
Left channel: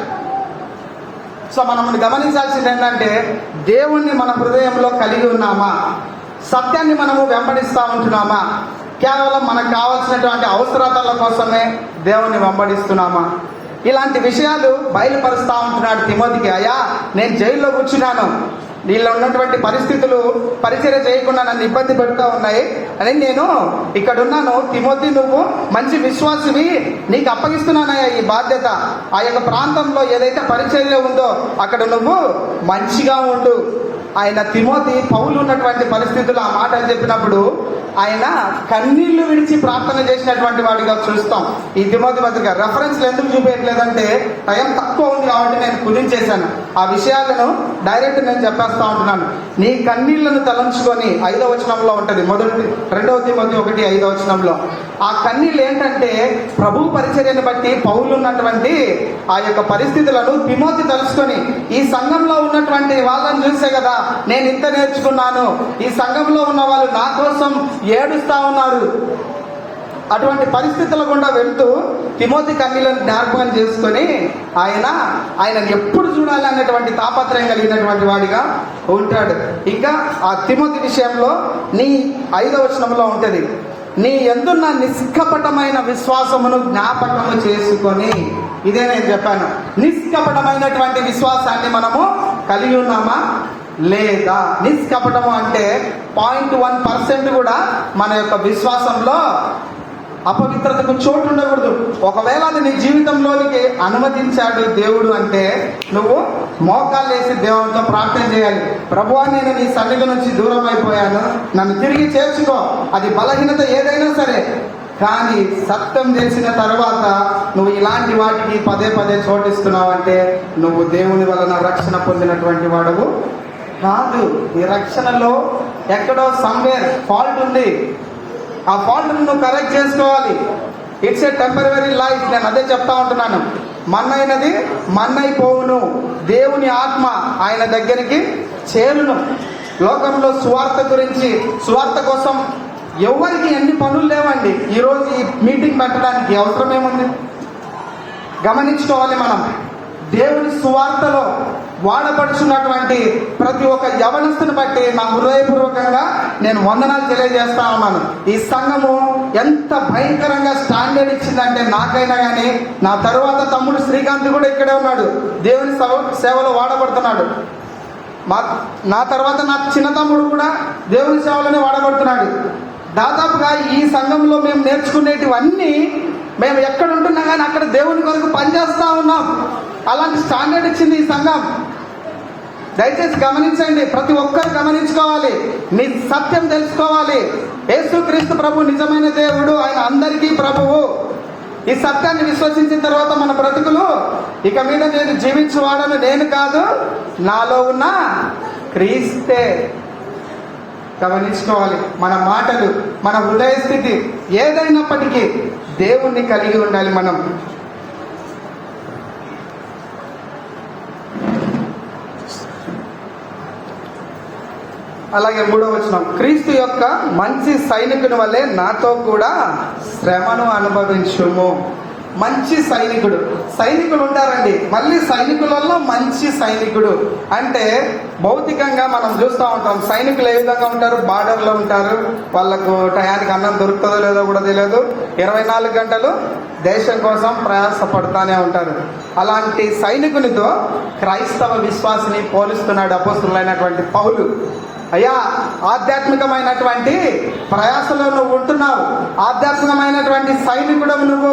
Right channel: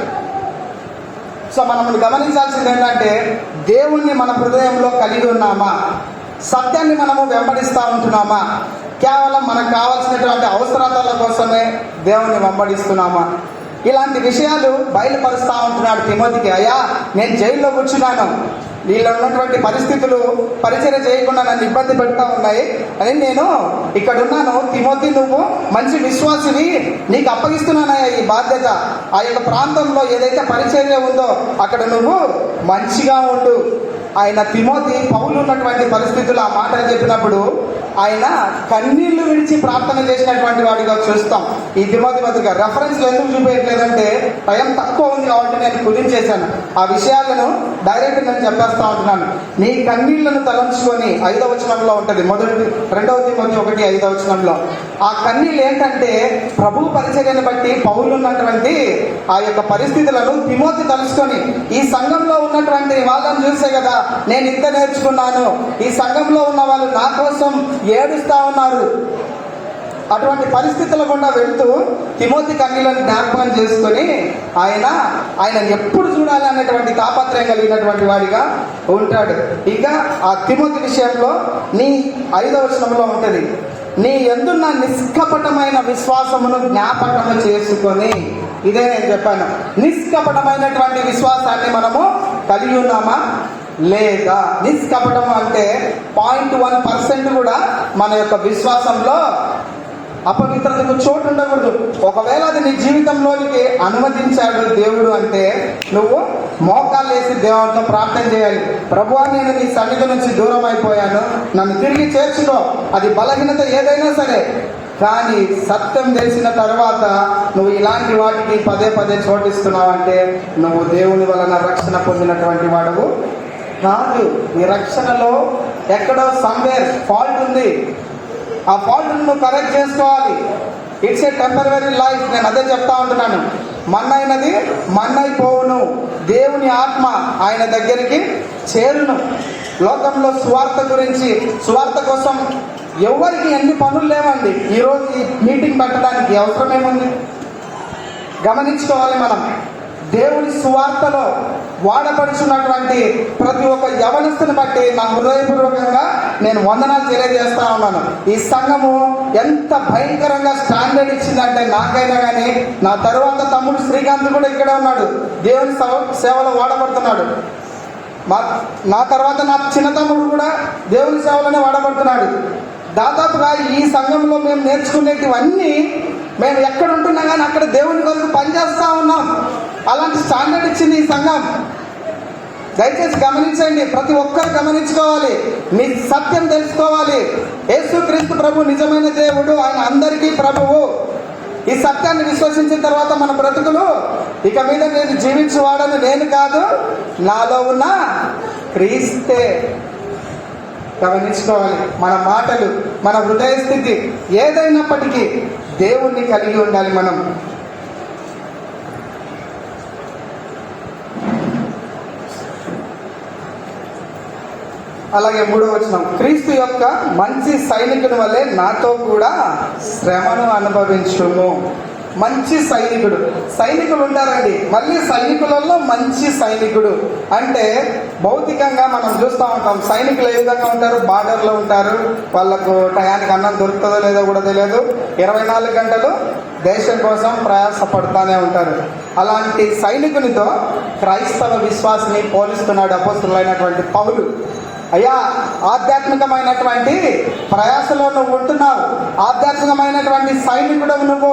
సో మనం గమనించాల్సింది ఏంటంటే, దేవుణ్ణి మన హృదయంలో కలిగి ఉన్నామా? సత్యాన్ని మనము వెంబడిస్తూ ఉంటున్నామా? కేవలం మనకు కావాల్సినటువంటి అవసరాల కోసమే దేవుణ్ణి వెంబడిస్తున్నామా? ఇలాంటి విషయాలు బయలుపరుస్తూ ఉంటున్నాడు తిమోతికి. అయ్యా, నేను జైల్లో కూర్చున్నాను, వీళ్ళు ఉన్నటువంటి పరిస్థితులు పరిచర్య చేయకుండా నన్ను ఇబ్బంది పెడతా ఉన్నాయి అని నేను ఇక్కడ ఉన్నాను. తిమోతి, నువ్వు మంచి విశ్వాసివి, నీకు అప్పగిస్తున్నానయ్యా ఈ బాధ్యత. ఆ యొక్క ప్రాంతంలో ఏదైతే పరిచర్య ఉందో అక్కడ నువ్వు మంచిగా ఉండు. ఆయన తిమోతి పౌలు ఉన్నటువంటి పరిస్థితులు ఆ మాటలు చెప్పినప్పుడు ఆయన కన్నీళ్లు విడిచి ప్రార్థన చేసినటువంటి వాడిగా చూస్తాం. ఈ తిమోతి పత్రిక రెఫరెన్స్లు ఎందుకు చూపించలేదంటే టైం తక్కువ ఉంది కాబట్టి నేను కుదించేశాను. ఆ విషయాలను డైరెక్ట్ నేను చెప్పేస్తా ఉంటున్నాను. నీ కన్నీళ్లను తలంచుకొని 5వ వచనంలో ఉంటుంది, 2వ తిమోతి 1:5 వచనంలో. ఆ కన్నీళ్ళు ఏంటంటే ప్రభు పరిచర్యను బట్టి పౌలు ఉన్నటువంటి ఆ యొక్క పరిస్థితులను తిమోతి తలుచుకొని, ఈ సంఘంలో ఉన్నటువంటి వాళ్ళని చూసే కదా నేను ఇంత నేర్చుకున్నాను, ఈ సంఘంలో ఉన్న వాళ్ళు నా కోసం ఏడుస్తా ఉన్నారు, అటువంటి పరిస్థితుల గుండా వెళ్తూ తిమోతి కన్నీలను జ్ఞాపకం చేసుకొని ఆయన ఎప్పుడు చూడాలనేటువంటి తాపత్రయం కలిగినటువంటి వాడిగా ఉంటాడు. ఇంకా ఆ తిమోతి విషయంలో నీ 5వ వచనంలో ఉంటుంది, నీ యందున్న నిష్కపటమైన విశ్వాసమును జ్ఞాపకము చేసుకొని. ఇదే నేను చెప్పాను, నిష్కపటమైనటువంటి విశ్వాసాన్ని మనము కలిగి ఉన్నామా? లేదా? నిష్కపటం అంటే 0.1% కూడా మన యొక్క విశ్వాసంలో అపవిత్రతకు చోటు ఉండకూడదు. ఒకవేళ అది నీ జీవితంలోనికి అనుమతించాడు దేవుడు అంటే నువ్వు మోకాళ్ళు వేసి దేవునితో ప్రార్థన చేయాలి. ప్రభువా, నేను నీ సన్నిధి నుంచి దూరం అయిపోయాను, నన్ను తిరిగి చేర్చుకో. అది బలహీనత ఏదైనా సరే, కానీ సత్యం తెలిసిన తర్వాత నువ్వు ఇలాంటి వాటికి పదే పదే చోటిస్తున్నావు అంటే నువ్వు దేవుని వలన రక్షణ పొందినటువంటి వాడువు కాదు. ఈ రక్షణలో ఎక్కడో సమ్వేర్ ఫాల్ట్ ఉంది. ఆ ఫాల్ట్ నువ్వు కరెక్ట్ చేసుకోవాలి. It's a temporary life. నేను అదే చెప్తా ఉంటున్నాను. మన్నైనది మన్నైపోవును, దేవుని ఆత్మ ఆయన దగ్గరికి చేరును. లోకంలో సువార్త గురించి, సువార్త కోసం ఎవరికి ఎన్ని పనులు లేవండి. ఈరోజు ఈ మీటింగ్ పెట్టడానికి అవసరం ఏముంది? గమనించుకోవాలి. మనం దేవుని సువార్తలో వాడపడుచున్నటువంటి ప్రతి ఒక్క యవనస్తుని బట్టి నా హృదయపూర్వకంగా నేను వందనాలు తెలియజేస్తా ఉన్నాను. ఈ సంఘము ఎంత భయంకరంగా స్టాండర్డ్ ఇచ్చిందంటే నాకైనా కానీ, నా తరువాత తమ్ముడు శ్రీకాంత్ కూడా ఇక్కడే ఉన్నాడు, దేవుని సేవలో వాడబడుతున్నాడు. నా తర్వాత నా చిన్న తమ్ముడు కూడా దేవుని సేవలోనే వాడబడుతున్నాడు. దాదాపుగా ఈ సంఘంలో మేము నేర్చుకునేటివన్నీ మేము ఎక్కడ ఉంటున్నా కానీ అక్కడ దేవుని కొరకు పనిచేస్తా ఉన్నాం. అలాంటి స్టాండర్డ్ ఇచ్చింది ఈ సంఘం. దయచేసి గమనించండి. ప్రతి ఒక్కరు గమనించుకోవాలి. నీ సత్యం తెలుసుకోవాలి. యేసుక్రీస్తు ప్రభు నిజమైన దేవుడు, ఆయన అందరికీ ప్రభువు. ఈ సత్యాన్ని విశ్వసించిన తర్వాత మన బ్రతుకులు ఇక మీద నేను జీవించువాడను నేను కాదు, నాలో ఉన్న క్రీస్తే. గమనించుకోవాలి. మన మాటలు, మన హృదయ స్థితి ఏదైనప్పటికీ దేవుణ్ణి కలిగి ఉండాలి మనం. అలాగే 3వ వచనం, క్రీస్తు యొక్క మంచి సైనికుని వలె నాతో కూడా శ్రమను అనుభవించుము. మంచి సైనికుడు. సైనికులు ఉంటారండి. మళ్ళీ సైనికులలో మంచి సైనికుడు అంటే భౌతికంగా మనం చూస్తూ ఉంటాం. సైనికులు ఏ విధంగా ఉంటారు? బార్డర్లో ఉంటారు. వాళ్ళకు టయానికి అన్నం దొరుకుతుందో లేదో కూడా తెలియదు. 24 గంటలు దేశం కోసం ప్రయాసపడుతూనే ఉంటారు. అలాంటి సైనికునితో క్రైస్తవ విశ్వాసిని పోలిస్తున్నాడు అపోస్తలుడైనటువంటి పౌలు. అయ్యా, ఆధ్యాత్మికమైనటువంటి ప్రయాసలో నువ్వు ఉంటున్నావు, ఆధ్యాత్మికమైనటువంటి సైనికుడు నువ్వు.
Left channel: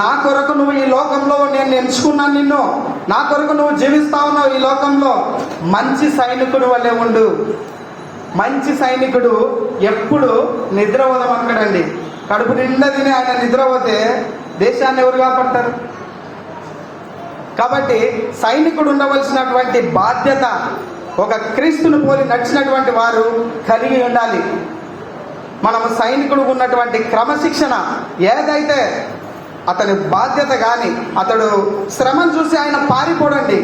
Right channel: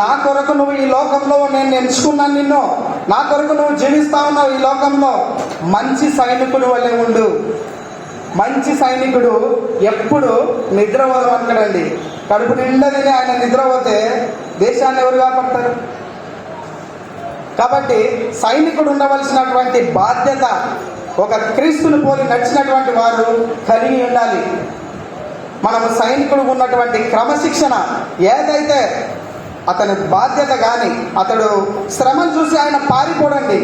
నా కొరకు నువ్వు ఈ లోకంలో నేను ఎంచుకున్నాను నిన్ను, నా కొరకు నువ్వు జీవిస్తా ఉన్నావు ఈ లోకంలో. మంచి సైనికుడు వల్లే ఉండు. మంచి సైనికుడు ఎప్పుడు నిద్రపోదమంటాడండి. కడుపు నిండా తిని ఆయన నిద్రపోతే దేశాన్ని ఎవరు కాపాడతారు? కాబట్టి సైనికుడు ఉండవలసినటువంటి బాధ్యత ఒక క్రీస్తుని పోలి నడిచినటువంటి వారు కలిగి ఉండాలి. మనం సైనికుడు ఉన్నటువంటి క్రమశిక్షణ ఏదైతే అతని బాధ్యత, కానీ అతడు శ్రమను చూసి ఆయన పారిపోడండి.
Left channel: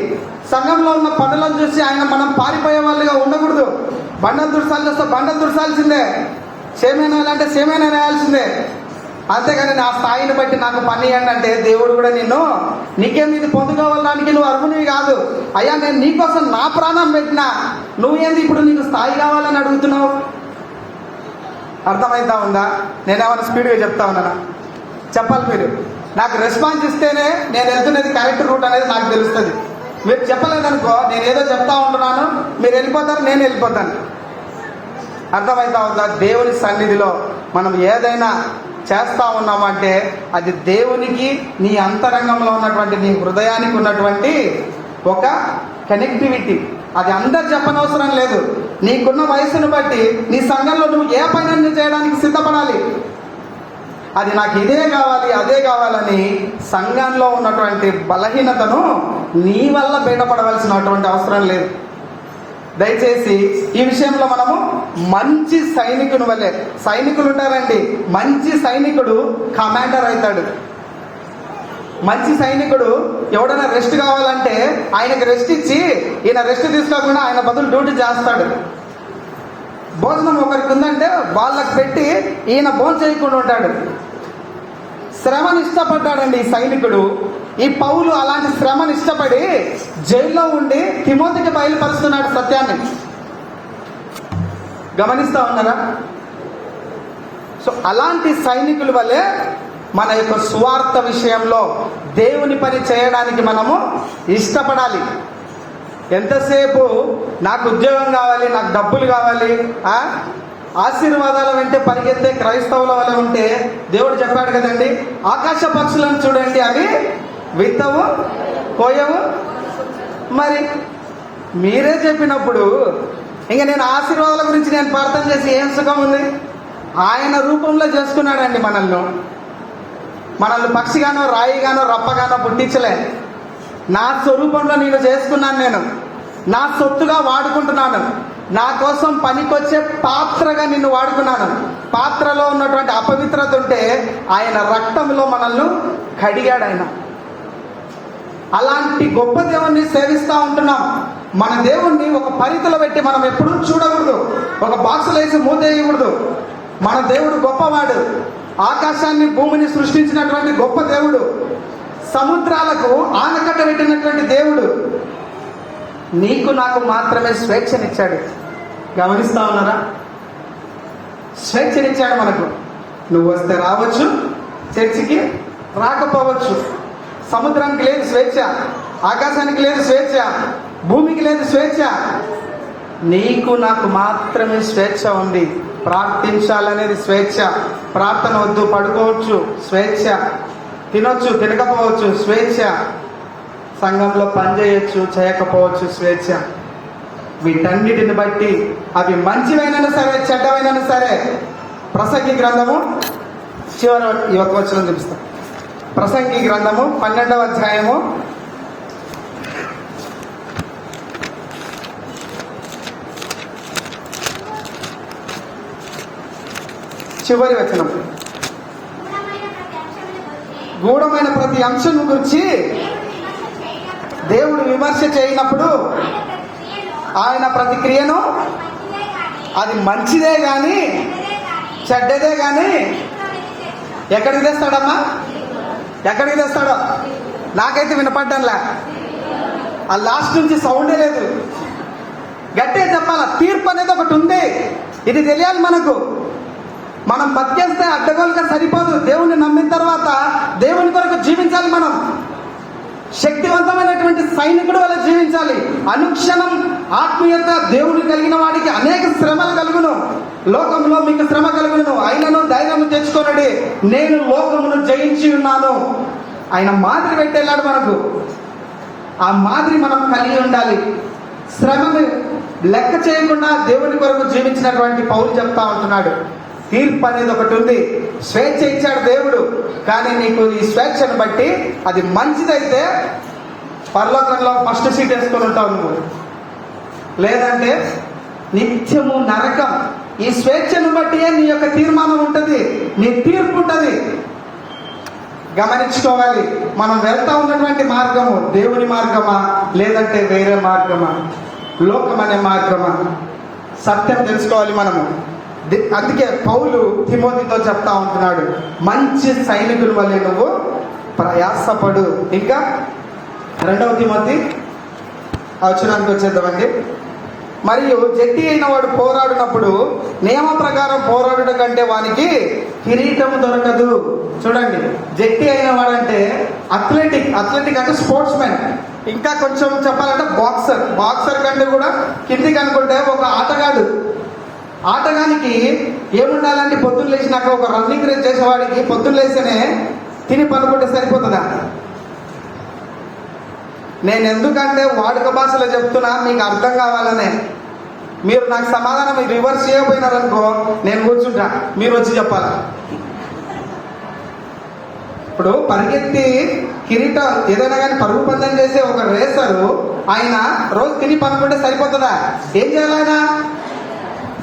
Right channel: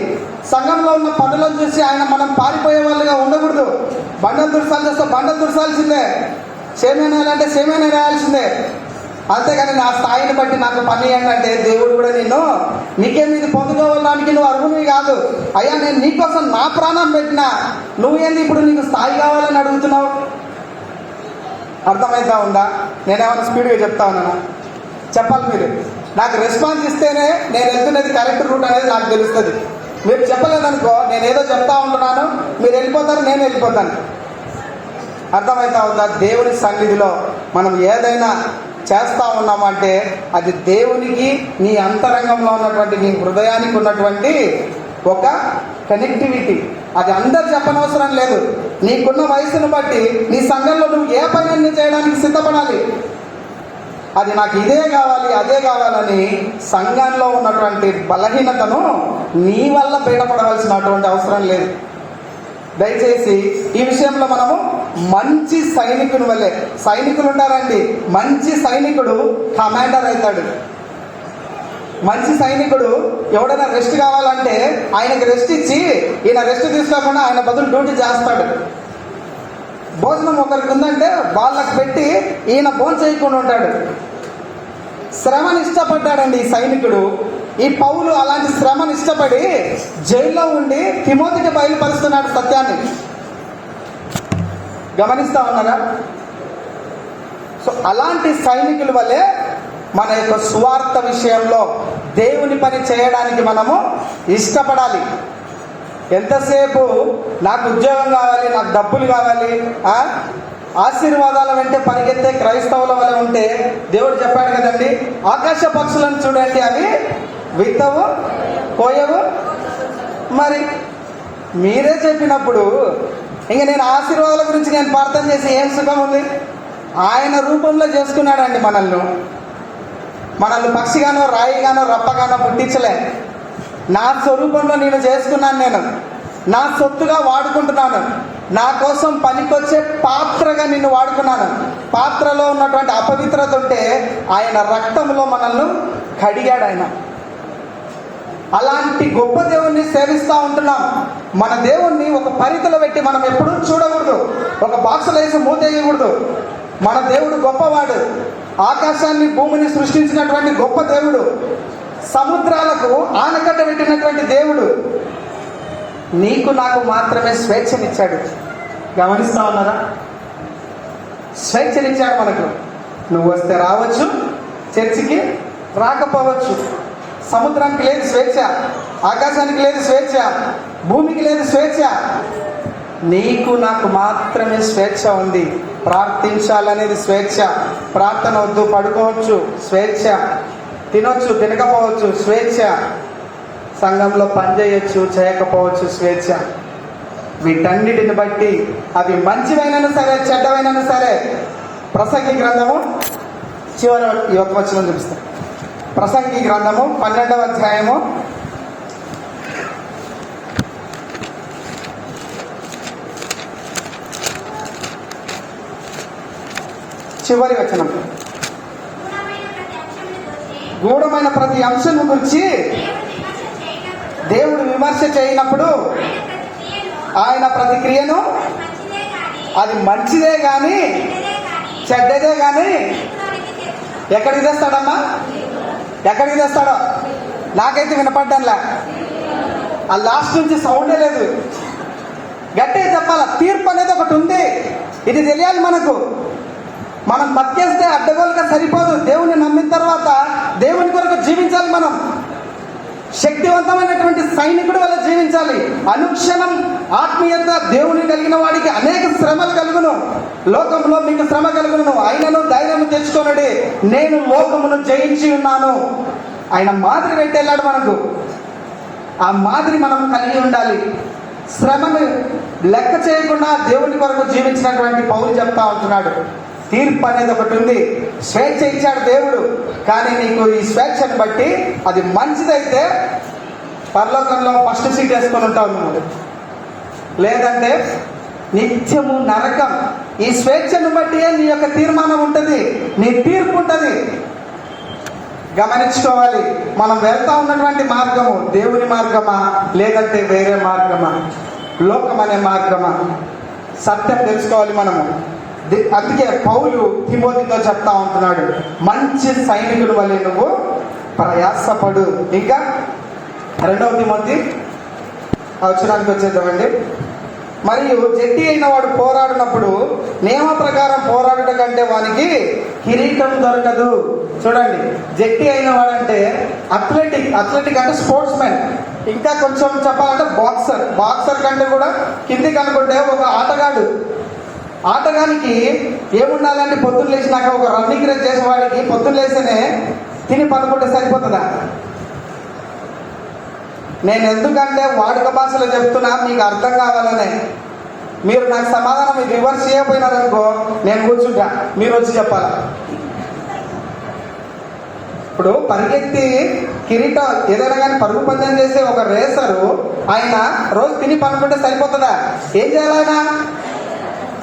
సంఘంలో ఉన్న పనులను చూసి మనం పారిపోయే వాళ్ళుగా ఉండకూడదు. బండలు దుర్సాలు చూస్తే బండలు దుర్సాల్సిందే, సేమేనాలంటే సేమేనా వేయాల్సిందే. అంతేగాని నా స్థాయిని బట్టి నాకు పని ఇవ్వండి అంటే దేవుడు కూడా నీకేం ఇది పొందుకోవడానికి నువ్వు అర్హునివి కాదు. అయ్యా, నేను నీకోసం నా ప్రాణం పెట్టినా నువ్వేంది ఇప్పుడు నీకు స్థాయి కావాలని అడుగుతున్నావు? అర్థమైతా ఉందా? నేనేమైనా స్పీడ్గా చెప్తా ఉన్నాను? చెప్పాలి మీరు. నాకు రెస్పాన్స్ ఇస్తేనే నేను వెళ్తున్నది కరెక్ట్ రూట్ అనేది నాకు తెలుస్తుంది. మీరు చెప్పలేదనుకో, నేను ఏదో చెప్తా ఉంటున్నాను, మీరు వెళ్ళిపోతారు, నేను వెళ్ళిపోతాను. అర్థమైతా ఉందా? దేవుని సన్నిధిలో మనం ఏదైనా చేస్తా ఉన్నామంటే అది దేవునికి, నీ అంతరంగంలో ఉన్నటువంటి నీ హృదయానికి ఉన్నటువంటి ఒక కనెక్టివిటీ. అది అందరు చెప్పనవసరం లేదు. నీకున్న వయసును బట్టి నీ సంఘంలో నువ్వు ఏ పని చేయడానికి సిద్ధపడాలి. అది నాకు ఇదే కావాలి, అదే కావాలని సంఘంలో ఉన్నటువంటి బలహీనతను నీ వల్ల బయటపడవలసినటువంటి అవసరం లేదు. దయచేసి ఈ విషయంలో మనము మంచి సైనికుని వల్లే, సైనికులు ఉంటారండి. మంచి సైనికుడు కమాండర్ అవుతాడు. మంచి సైనికుడు ఎవడైనా రెస్ట్ కావాలంటే ఆయనకి రెస్ట్ ఇచ్చి ఈయన రెస్ట్ తీసుకోకుండా ఆయన బదులు డ్యూటీ చేస్తాడు. భోజనం ఒకరికి ఉందంటే వాళ్ళకి పెట్టి ఈయన భోజనం చేయకుండా ఉంటాడు. శ్రమను ఇష్టపడ్డాడండి ఈ సైనికుడు. ఈ పౌలు అలాంటి శ్రమను ఇష్టపడి జైల్లో ఉండి తిమోతికి బయలుపరుస్తున్నాడు సత్యాన్ని. గమనిస్తా ఉన్నారా? సో అలాంటి సైనికుల వల్లే మన యొక్క స్వార్థ విషయంలో దేవుని పని చేయడానికి మనము ఇష్టపడాలి. ఎంతసేపు నాకు ఉద్యోగం కావాలి, నాకు డబ్బులు కావాలి, ఆశీర్వాదాల వెంటే పరిగెత్తే క్రైస్తవుల వల్ల ఉంటే దేవుడు చెప్పాడు కదండి, ఆకాశ పక్షులను చూడండి, అవి విత్తవు కోయవు. మరి మీరే చెప్పినప్పుడు ఇంక నేను ఆశీర్వాదాల గురించి నేను ప్రార్థన చేసి ఏం సుఖం ఉంది? ఆయన రూపంలో చేసుకున్నాడండి మనల్ని పక్షిగానో రాయిగానో రప్పగానో పుట్టించలే. నా స్వరూపంలో నేను చేసుకున్నాను, నేను నా సొత్తుగా వాడుకుంటున్నాను, నా కోసం పనికొచ్చే పాత్రగా నిన్ను వాడుకున్నాను. పాత్రలో ఉన్నటువంటి అపవిత్రత ఉంటే ఆయన రక్తంలో మనల్ని కడిగాడు ఆయన. అలాంటి గొప్ప దేవుణ్ణి సేవిస్తూ ఉంటున్నాం. మన దేవుణ్ణి ఒక పరిధిలో పెట్టి మనం ఎప్పుడూ చూడకూడదు, ఒక బాక్సులో వేసి మూతేయకూడదు. మన దేవుడు గొప్పవాడు, ఆకాశాన్ని భూమిని సృష్టించినటువంటి గొప్ప దేవుడు, సముద్రాలకు ఆనకట్ట పెట్టినటువంటి దేవుడు. నీకు నాకు మాత్రమే స్వేచ్ఛనిచ్చాడు. గమనిస్తా ఉన్నారా? స్వేచ్ఛనిచ్చాడు మనకు. నువ్వు వస్తే రావచ్చు, చర్చికి రాకపోవచ్చు. సముద్రానికి లేదు స్వేచ్ఛ, ఆకాశానికి లేదు స్వేచ్ఛ, భూమికి లేదు స్వేచ్ఛ. నీకు నాకు మాత్రమే స్వేచ్ఛ ఉంది. ప్రార్థించాలనేది స్వేచ్ఛ. ప్రార్థన వద్దు, పడుకోవచ్చు, స్వేచ్ఛ. తినొచ్చు, తినకపోవచ్చు, స్వేచ్ఛ. సంఘంలో పనిచేయచ్చు, చేయకపోవచ్చు, స్వేచ్ఛ. వీటన్నిటిని బట్టి అవి మంచివైనా సరే చెడ్డవైనా సరే, ప్రసంగి గ్రంథము చివరి ఈ ఒక్క వచనం చూపిస్తాం. ప్రసంగి గ్రంథము 12వ అధ్యాయము 4వ వచనం. గూఢమైన ప్రతి అంశం గురించి దేవుడు విమర్శ చేయనప్పుడు ఆయన ప్రతి క్రియను అది మంచిదే గాని చెడ్డదే గాని ఎక్కడికి తెస్తాడమ్మా? ఎక్కడికి తెస్తాడో నాకైతే వినపడ్డానులా. ఆ లాస్ట్ నుంచి సౌండే లేదు. గట్టే చెప్పాలా, తీర్పు అనేది ఒకటి ఉంది. ఇది తెలియాలి మనకు. మనం బతికేస్తే అడ్డగోలుగా సరిపోదు. దేవుని నమ్మిన తర్వాత దేవుని కొరకు జీవించాలి. మనం శక్తివంతమైనటువంటి సైనికుడు వల్ల జీవించాలి. అనుక్షణం ఆత్మీయత దేవుని కలిగిన వాడికి అనేక శ్రమలు కలుగును. లోకంలో మీకు శ్రమ కలుగును, అయినను ధైర్యం తెచ్చుకొనుడి, నేను లోకమును జయించి ఉన్నాను. ఆయన మాదిరి పెట్టేళ్ళాడు మనకు. ఆ మాదిరి మనం కలిగి ఉండాలి. శ్రమను లెక్క చేయకుండా దేవుని కొరకు జీవించినటువంటి పౌలు చెప్తా ఉంటున్నాడు, తీర్పు అనేది ఒకటి ఉంది. స్వేచ్ఛ ఇచ్చాడు దేవుడు, కానీ నీకు ఈ స్వేచ్ఛను బట్టి అది మంచిదైతే పరలోకంలో ఫస్ట్ సీట్ వేసుకొని ఉంటావు నువ్వు, లేదంటే నిత్యము నరకం. ఈ స్వేచ్ఛను బట్టి నీ యొక్క తీర్మానం ఉంటుంది, నీ తీర్పు ఉంటుంది. గమనించుకోవాలి, మనం వెళ్తా ఉన్నటువంటి మార్గము దేవుని మార్గమా లేదంటే వేరే మార్గమా, లోకం అనే మార్గమా? సత్యం తెలుసుకోవాలి మనము. అందుకే పౌలు తిమోతితో చెప్తా ఉంటున్నాడు, మంచి సైనికుని వల్లే నువ్వు ప్రయాసపడు. ఇంకా 2వ తిమోతి వచనానికి వచ్చేద్దామండి. మరియు జట్టి అయిన వాడు పోరాడినప్పుడు నియమ ప్రకారం పోరాడుట కంటే వానికి కిరీటం దొరకదు. చూడండి, జట్టి అయిన వాడంటే అథ్లెటిక్ అంటే స్పోర్ట్స్ మ్యాన్. ఇంకా కొంచెం చెప్పాలంటే బాక్సర్ కంటే కూడా కిందికి అనుకుంటే ఒక ఆటగానికి ఏముండాలంటే పొద్దున్న లేచినాక ఒక రన్నింగ్ రేస్ చేసేవాడికి పొద్దున్న లేస్తేనే తిని పనుకుంటే సరిపోతుందా? నేను ఎందుకంటే వాడుక భాషలో చెప్తున్నా, మీకు అర్థం కావాలనే. మీరు నాకు సమాధానం రివర్స్ చేయకపోయినారనుకో నేను కూర్చుంటా, మీరు వచ్చి చెప్పాలి. ఇప్పుడు పరిగెత్తి కిరీటం ఏదైనా కానీ పరుగు పందెం చేసే ఒక రేసరు ఆయన రోజు తిని పనుకుంటే సరిపోతుందా? ఏం చేయాలి ఆయన?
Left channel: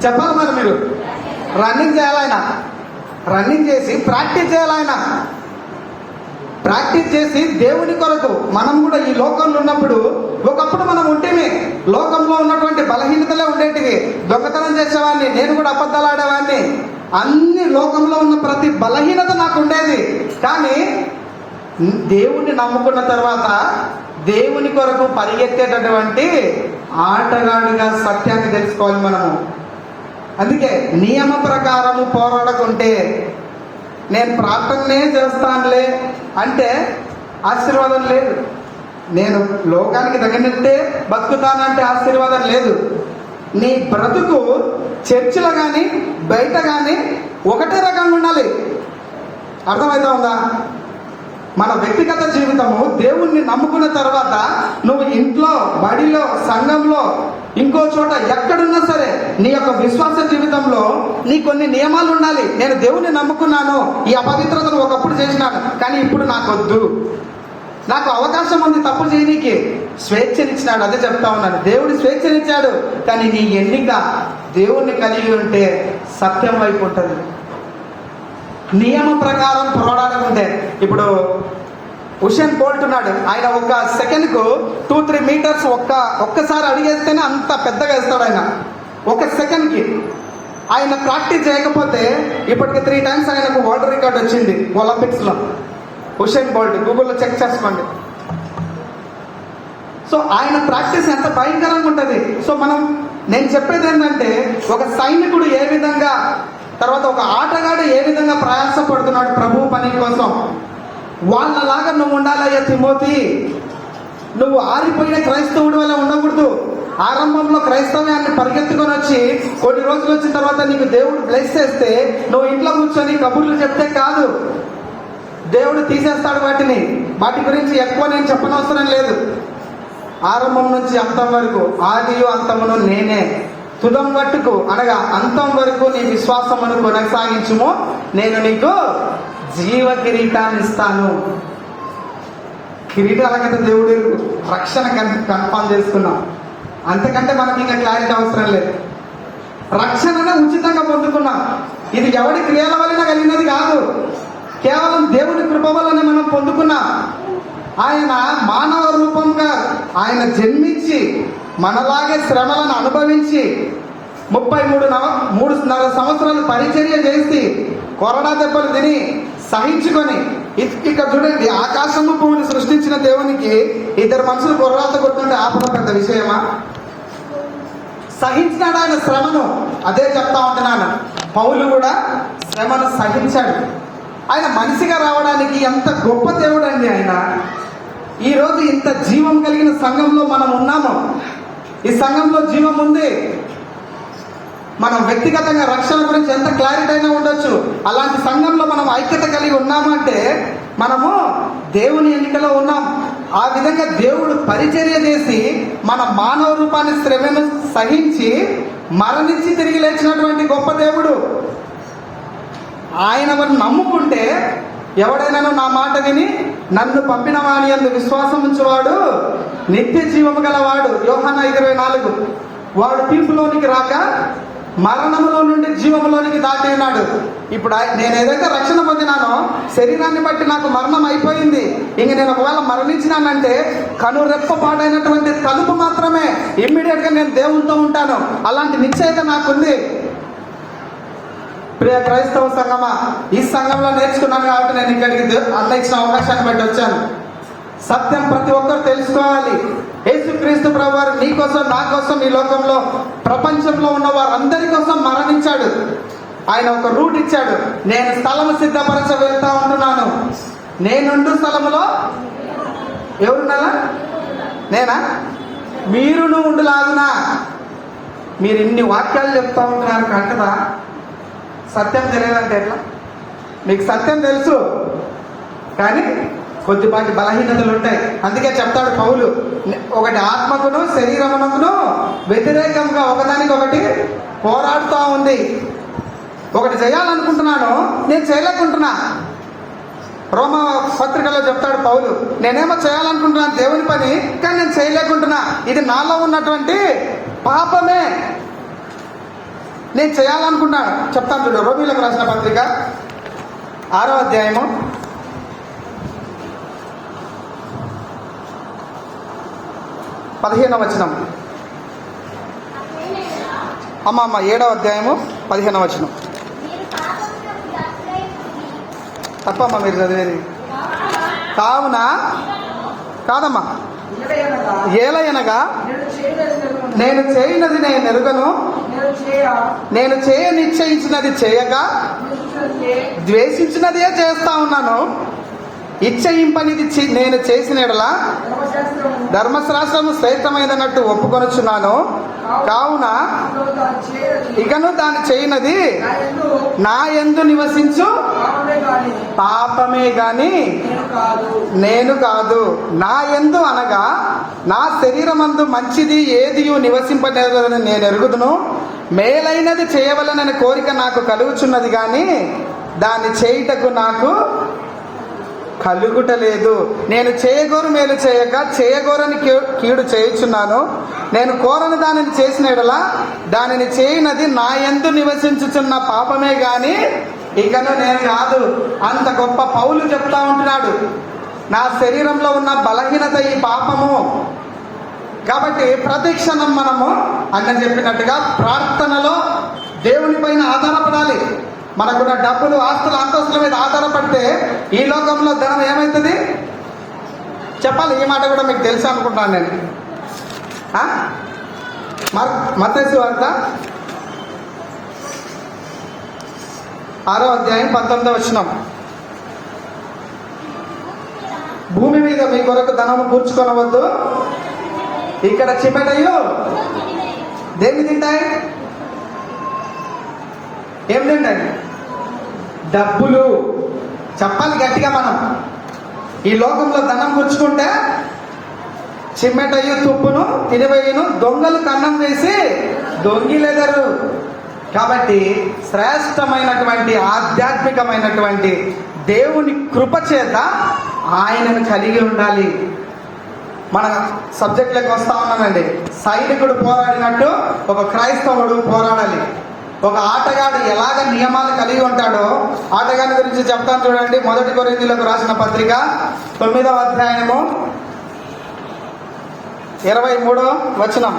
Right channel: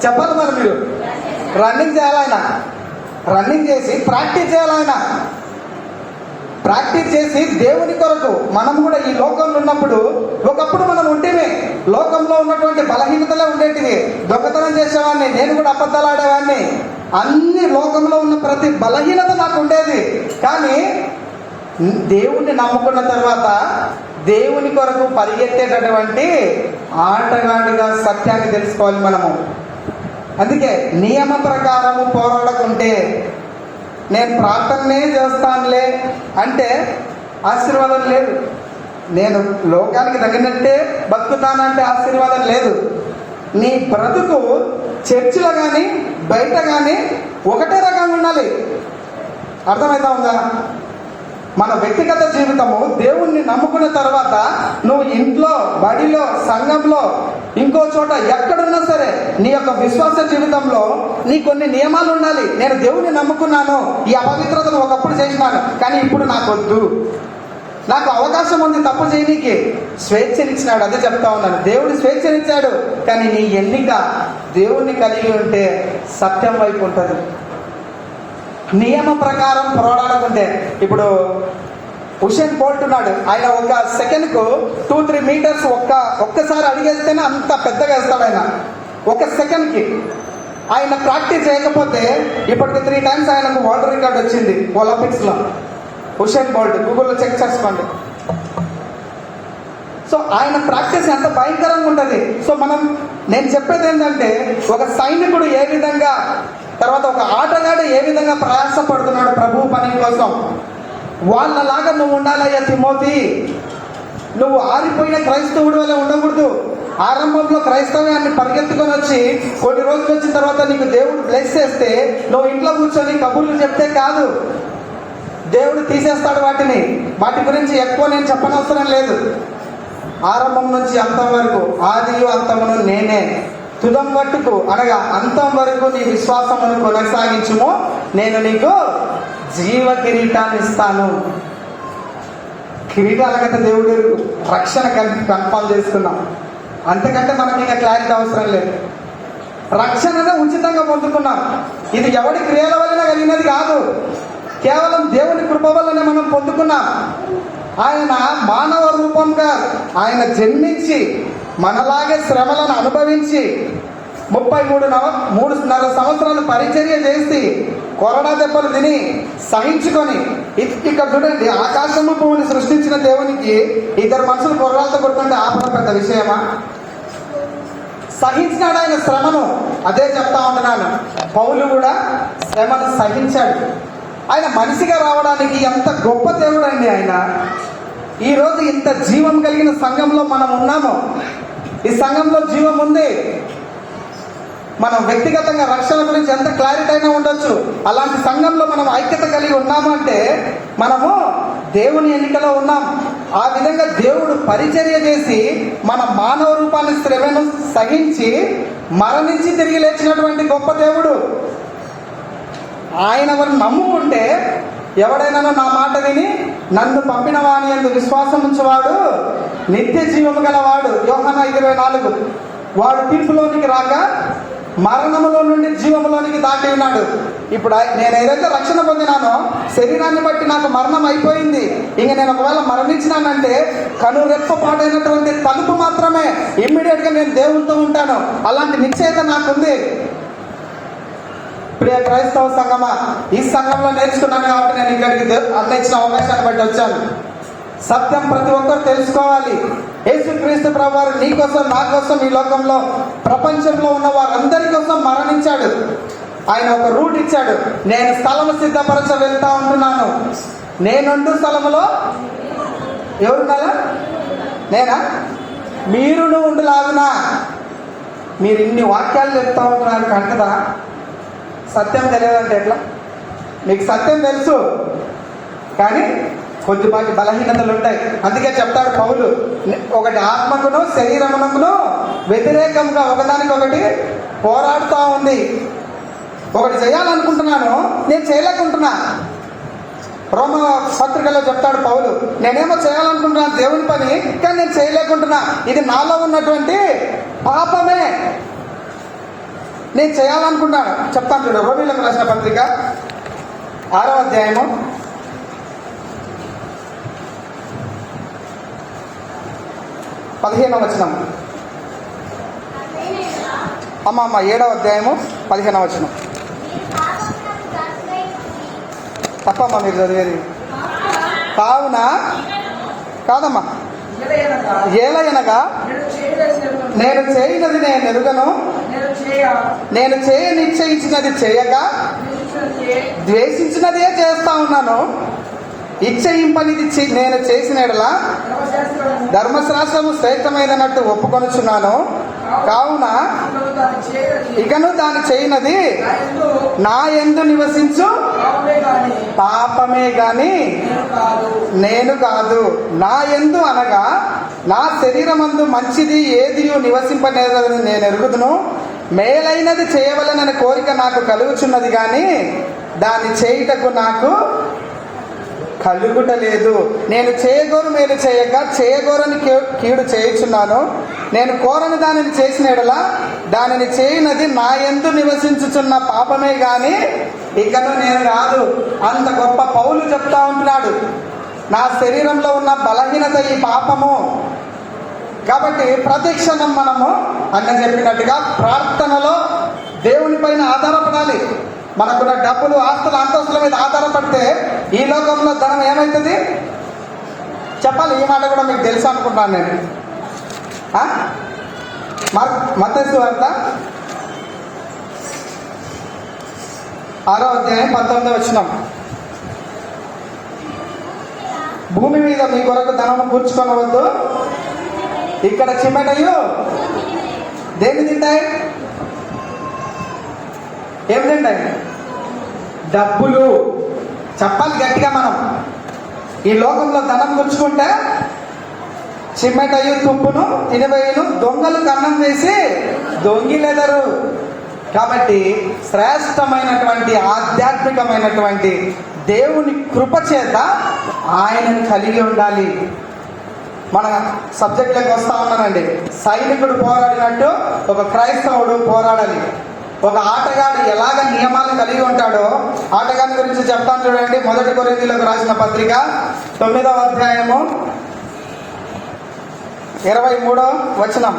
చెప్పాలి మరి. మీరు రన్నింగ్ చేయాలి, ఆయన రన్నింగ్ చేసి ప్రాక్టీస్ చేయాలి. ఆయన ప్రాక్టీస్ చేసి దేవుని కొరకు మనం కూడా ఈ లోకంలో ఉన్నప్పుడు, ఒకప్పుడు మనం ఉంటేనే లోకంలో ఉన్నటువంటి బలహీనతలే ఉండేటివి. దొంగతనం చేసేవాడిని, నేను కూడా అబద్ధాలు ఆడేవాడిని, అన్ని లోకంలో ఉన్న ప్రతి బలహీనత నాకు ఉండేది. కానీ దేవుణ్ణి నమ్ముకున్న తర్వాత దేవుని కొరకు పరిగెత్తేటటువంటి ఆటగాడిగా సత్యాన్ని తెలుసుకోవాలి మనము. అందుకే నియమ ప్రకారము పోరాడకుంటే, నేను ప్రార్థనే చేస్తానులే అంటే ఆశీర్వాదం లేదు. నేను లోకానికి తగినట్టే బతుకుతానంటే ఆశీర్వాదం లేదు. నీ బ్రతుకు చర్చిలో కానీ బయట కానీ ఒకటే రకంగా ఉండాలి. అర్థమవుతా ఉందా? మన వ్యక్తిగత జీవితము దేవుణ్ణి నమ్ముకున్న తర్వాత నువ్వు ఇంట్లో, బడిలో, సంఘంలో, ఇంకో చోట ఎక్కడున్నా సరే నీ యొక్క విశ్వాస జీవితంలో నీ కొన్ని నియమాలు ఉండాలి. నేను దేవుణ్ణి నమ్ముకున్నాను, ఈ అపవిత్రతను ఒకప్పుడు చేసినాను, కానీ ఇప్పుడు నాకు వద్దు, నాకు అవకాశం ఉంది తప్పు చేయనీకి. స్వేచ్ఛనిచ్చినాడు, అదే చెప్తా ఉన్నాను. దేవుడు స్వేచ్ఛనిచ్చాడు, కానీ నీ ఎన్నిక దేవుణ్ణి కలిగి ఉంటే సత్యం వైపు ఉంటుంది. నియమం ప్రకారం పోరాడకుంటే, ఇప్పుడు ఉసేన్ బోల్ట్ ఉన్నాడు, ఆయన ఒక సెకండ్కు 2-3 మీటర్స్ ఒక్కసారి అడిగేస్తేనే అంత పెద్దగా వేస్తాడు ఆయన ఒక సెకండ్కి. ఆయన ప్రాక్టీస్ చేయకపోతే ఇప్పటికి 3 times ఆయనకు వరల్డ్ రికార్డ్ వచ్చింది ఒలింపిక్స్ లో. ఉసేన్ బోల్ట్ గూగుల్లో చెక్ చేసుకోండి. సో ఆయన ప్రాక్టీస్ ఎంత భయంకరంగా ఉంటుంది. సో నేను చెప్పేది ఏంటంటే, ఒక సైనికుడు ఏ విధంగా, తర్వాత ఒక ఆటగాడు ఏ విధంగా ప్రయాసపడుతున్నాడు ప్రభు పని కోసం, వాళ్ళలాగా నువ్వు ఉండాలయ్యా తిమోతి. నువ్వు ఆరిపోయిన క్రైస్తవుడి వల్ల ఉండకూడదు. ఆరంభంలో క్రైస్తవ్యాన్ని పరిగెత్తుకొని వచ్చి కొన్ని రోజులు వచ్చిన తర్వాత నీకు దేవుడు బ్లెస్ చేస్తే నువ్వు ఇంట్లో కూర్చొని కబుర్లు చెప్తే కాదు, దేవుడు తీసేస్తాడు వాటిని. వాటి గురించి ఎక్కువ నేను చెప్పనవసరం లేదు. ఆరంభం నుంచి అంతం వరకు, ఆదియు అంతమును నేనే, తుదం వట్టుకు అనగా అంతం వరకు నీ విశ్వాసమును కొనసాగించుము, నేను నీకు జీవ కిరీటాన్ని ఇస్తాను. కిరీటాలకైతే దేవుడు రక్షణ కన్ఫర్మ్ చేసుకున్నాం. అంతకంటే మనకి ఇంకా క్లారిటీ అవసరం లేదు. రక్షణను ఉచితంగా పొందుకున్నాం. ఇది ఎవడి క్రియల వలన కలిగినది కాదు, కేవలం దేవుని కృప వలన మనం పొందుకున్నాం. ఆయన మానవ రూపంగా ఆయన జన్మించి మనలాగే శ్రమలను అనుభవించి 33.5 సంవత్సరాలు పరిచర్య చేసి కొరడా దెబ్బలు తిని సహించుకొని, ఇక్కడ చూడండి, ఆకాశము భూమిని సృష్టించిన దేవునికి 2 మనుషులు కొరడాలతో కొడుతుంటే ఆపడం పెద్ద విషయమా? సహించినాడు ఆయన శ్రమను. అదే చెప్తా ఉంటున్నాను, పౌలు కూడా శ్రమను సహించాడు. ఆయన మనిషిగా రావడానికి ఎంత గొప్ప దేవుడు అండి ఆయన. ఈరోజు ఇంత జీవం కలిగిన సంఘంలో మనం ఉన్నాము. ఈ సంఘంలో జీవం ఉంది. మనం వ్యక్తిగతంగా రక్షణ గురించి ఎంత క్లారిటీ అయినా ఉండొచ్చు. అలాంటి సంఘంలో మనం ఐక్యత కలిగి ఉన్నాము అంటే మనము దేవుని ఎన్నికలో ఉన్నాం. ఆ విధంగా దేవుడు పరిచర్య చేసి మన మానవ రూపాన్ని శ్రమను సహించి మరణించి తిరిగి లేచినటువంటి గొప్ప దేవుడు. ఆయన వారిని నమ్ముకుంటే, ఎవడైనా నా మాట విని నన్ను పంపిన వాని యందు విశ్వాసం ఉంచువాడు నిత్య జీవము గలవాడు. యోహాను 5:24. వాడు తీర్పులోనికి రాక మరణములో నుండి జీవములోనికి దాటి ఉన్నాడు. ఇప్పుడు నేను ఏదైతే రక్షణ పొందినానో శరీరాన్ని బట్టి నాకు మరణం అయిపోయింది. ఇంక నేను ఒకవేళ మరణించినానంటే కనురెప్పపాటైనటువంటి తలుపు మాత్రమే, ఇమ్మీడియట్ గా నేను దేవునితో ఉంటాను. అలాంటి నిశ్చయిత నాకుంది. ప్రియ క్రైస్తవ సంఘమా, ఈ సంఘంలో నేర్చుకున్నాను కాబట్టి నేను ఇక్కడికి అన్న ఇచ్చిన అవకాశాన్ని బట్టి వచ్చాను. సత్యం ప్రతి ఒక్కరు తెలుసుకోవాలి. యేసుక్రీస్తు ప్రభువారు నీ కోసం, నా కోసం, ఈ లోకంలో ప్రపంచంలో ఉన్న వారందరి కోసం మరణించాడు. ఆయన ఒక రూట్ ఇచ్చాడు. నేను స్థలము సిద్ధపరచ వెళ్తా ఉంటున్నాను. నేనుండు స్థలములో ఎవరున్నారా? నేనా? మీరును ఉండులాగునా. మీరు ఇన్ని వాక్యాలు చెప్తా ఉంటున్నారు కంటదా? సత్యం తెలియాలంటే ఎట్లా? మీకు సత్యం తెలుసు, కానీ కొద్దిపాటి బలహీనతలు ఉంటాయి. అందుకే చెప్తాడు పౌలు, ఒకటి ఆత్మకును శరీరమునకును వ్యతిరేకంగా ఒకదానికొకటి పోరాడుతూ ఉంది. ఒకటి చేయాలనుకుంటున్నాను, నేను చేయలేకుంటున్నా. రోమా పత్రికలో చెప్తాడు పౌలు, నేనేమో చేయాలనుకుంటున్నాను దేవుని పని, కానీ నేను చేయలేకుంటున్నా. ఇది నాలో ఉన్నటువంటి పాపమే. నేను చేయాలనుకున్నాను. చెప్తాను. రోమీయులకు రాసిన పత్రిక 6వ అధ్యాయము 15వ వచనం. 7వ అధ్యాయము 15వ వచనం. తప్పమ్మా మీరు చదివేది. కావున కాదమ్మా, ఏలయనగా నేను చేయనది నేను ఎరుగను, నేను చేయ నిశ్చయించినది చేయగా ద్వేషించినదే చేస్తా ఉన్నాను. ఇచ్చయింపనిది నేను చేసిన ఎడల ధర్మశాస్త్రము శ్రేష్టమైనట్టు ఒప్పుకొనుచున్నాను. కావున ఇకను దాని చేయనది నా యందు నివసించు పాపమే గాని నేను కాదు. నా యందు అనగా నా శరీరమందు మంచిది ఏదియు నివసింపలేదని నేను ఎరుగుదును. మేలైనది చేయవలనని కోరిక నాకు కలుగుచున్నది గాని దాన్ని చేయుటకు నాకు కలుగుటలేదు. నేను చేయగోరు మేలు చేయక చేయగోరని కీడు చేయుచున్నాను. నేను కోరని దానిని చేసిన ఎడల దానిని చేయనది నా యందు నివసించుచున్న పాపమే గాని ఇకను నేను కాదు. అంత గొప్ప పౌలు చెప్తా ఉంటున్నాడు, నా శరీరంలో ఉన్న బలహీనత ఈ పాపము. కాబట్టి ప్రతి క్షణం మనము అన్న చెప్పినట్టుగా ప్రార్థనలో దేవుని పైన ఆధారపడాలి. మనకున్న డబ్బులు, ఆస్తులు, అంతస్తుల మీద ఆధారపడితే ఈ లోకంలో ధనం ఏమవుతుంది చెప్పాలి. ఈ మాట కూడా మీకు తెలుసు అనుకుంటాను నేను. మత్తయి సువార్త 6వ అధ్యాయం 19వ వచనం. భూమి మీద మీ కొరకు ధనము కూర్చుకొనవద్దు, ఇక్కడ చిమెటయు దేన్ని తింటాయి? ఏం తింటాయి? డబ్బులు. చెప్పాలి గట్టిగా మనం. ఈ లోకంలో ధనం కూర్చుకుంటే చిమ్మెటయు తుప్పును తినివేయును, దొంగలు కన్నం చేసి దొంగిలెదరు. కాబట్టి శ్రేష్టమైనటువంటి ఆధ్యాత్మికమైనటువంటి దేవుని కృప చేత ఆయనను కలిగి ఉండాలి. మన సబ్జెక్ట్లోకి వస్తా ఉన్నానండి. సైనికుడు పోరాడినట్టు ఒక క్రైస్తవుడు పోరాడాలి. ఒక ఆటగాడు ఎలాగ నియమాలు కలిగి ఉంటాడో ఆటగాడి గురించి చెప్తాను చూడండి. 1 కొరింథీయులకు రాసిన పత్రిక 9వ అధ్యాయము 23వ వచనం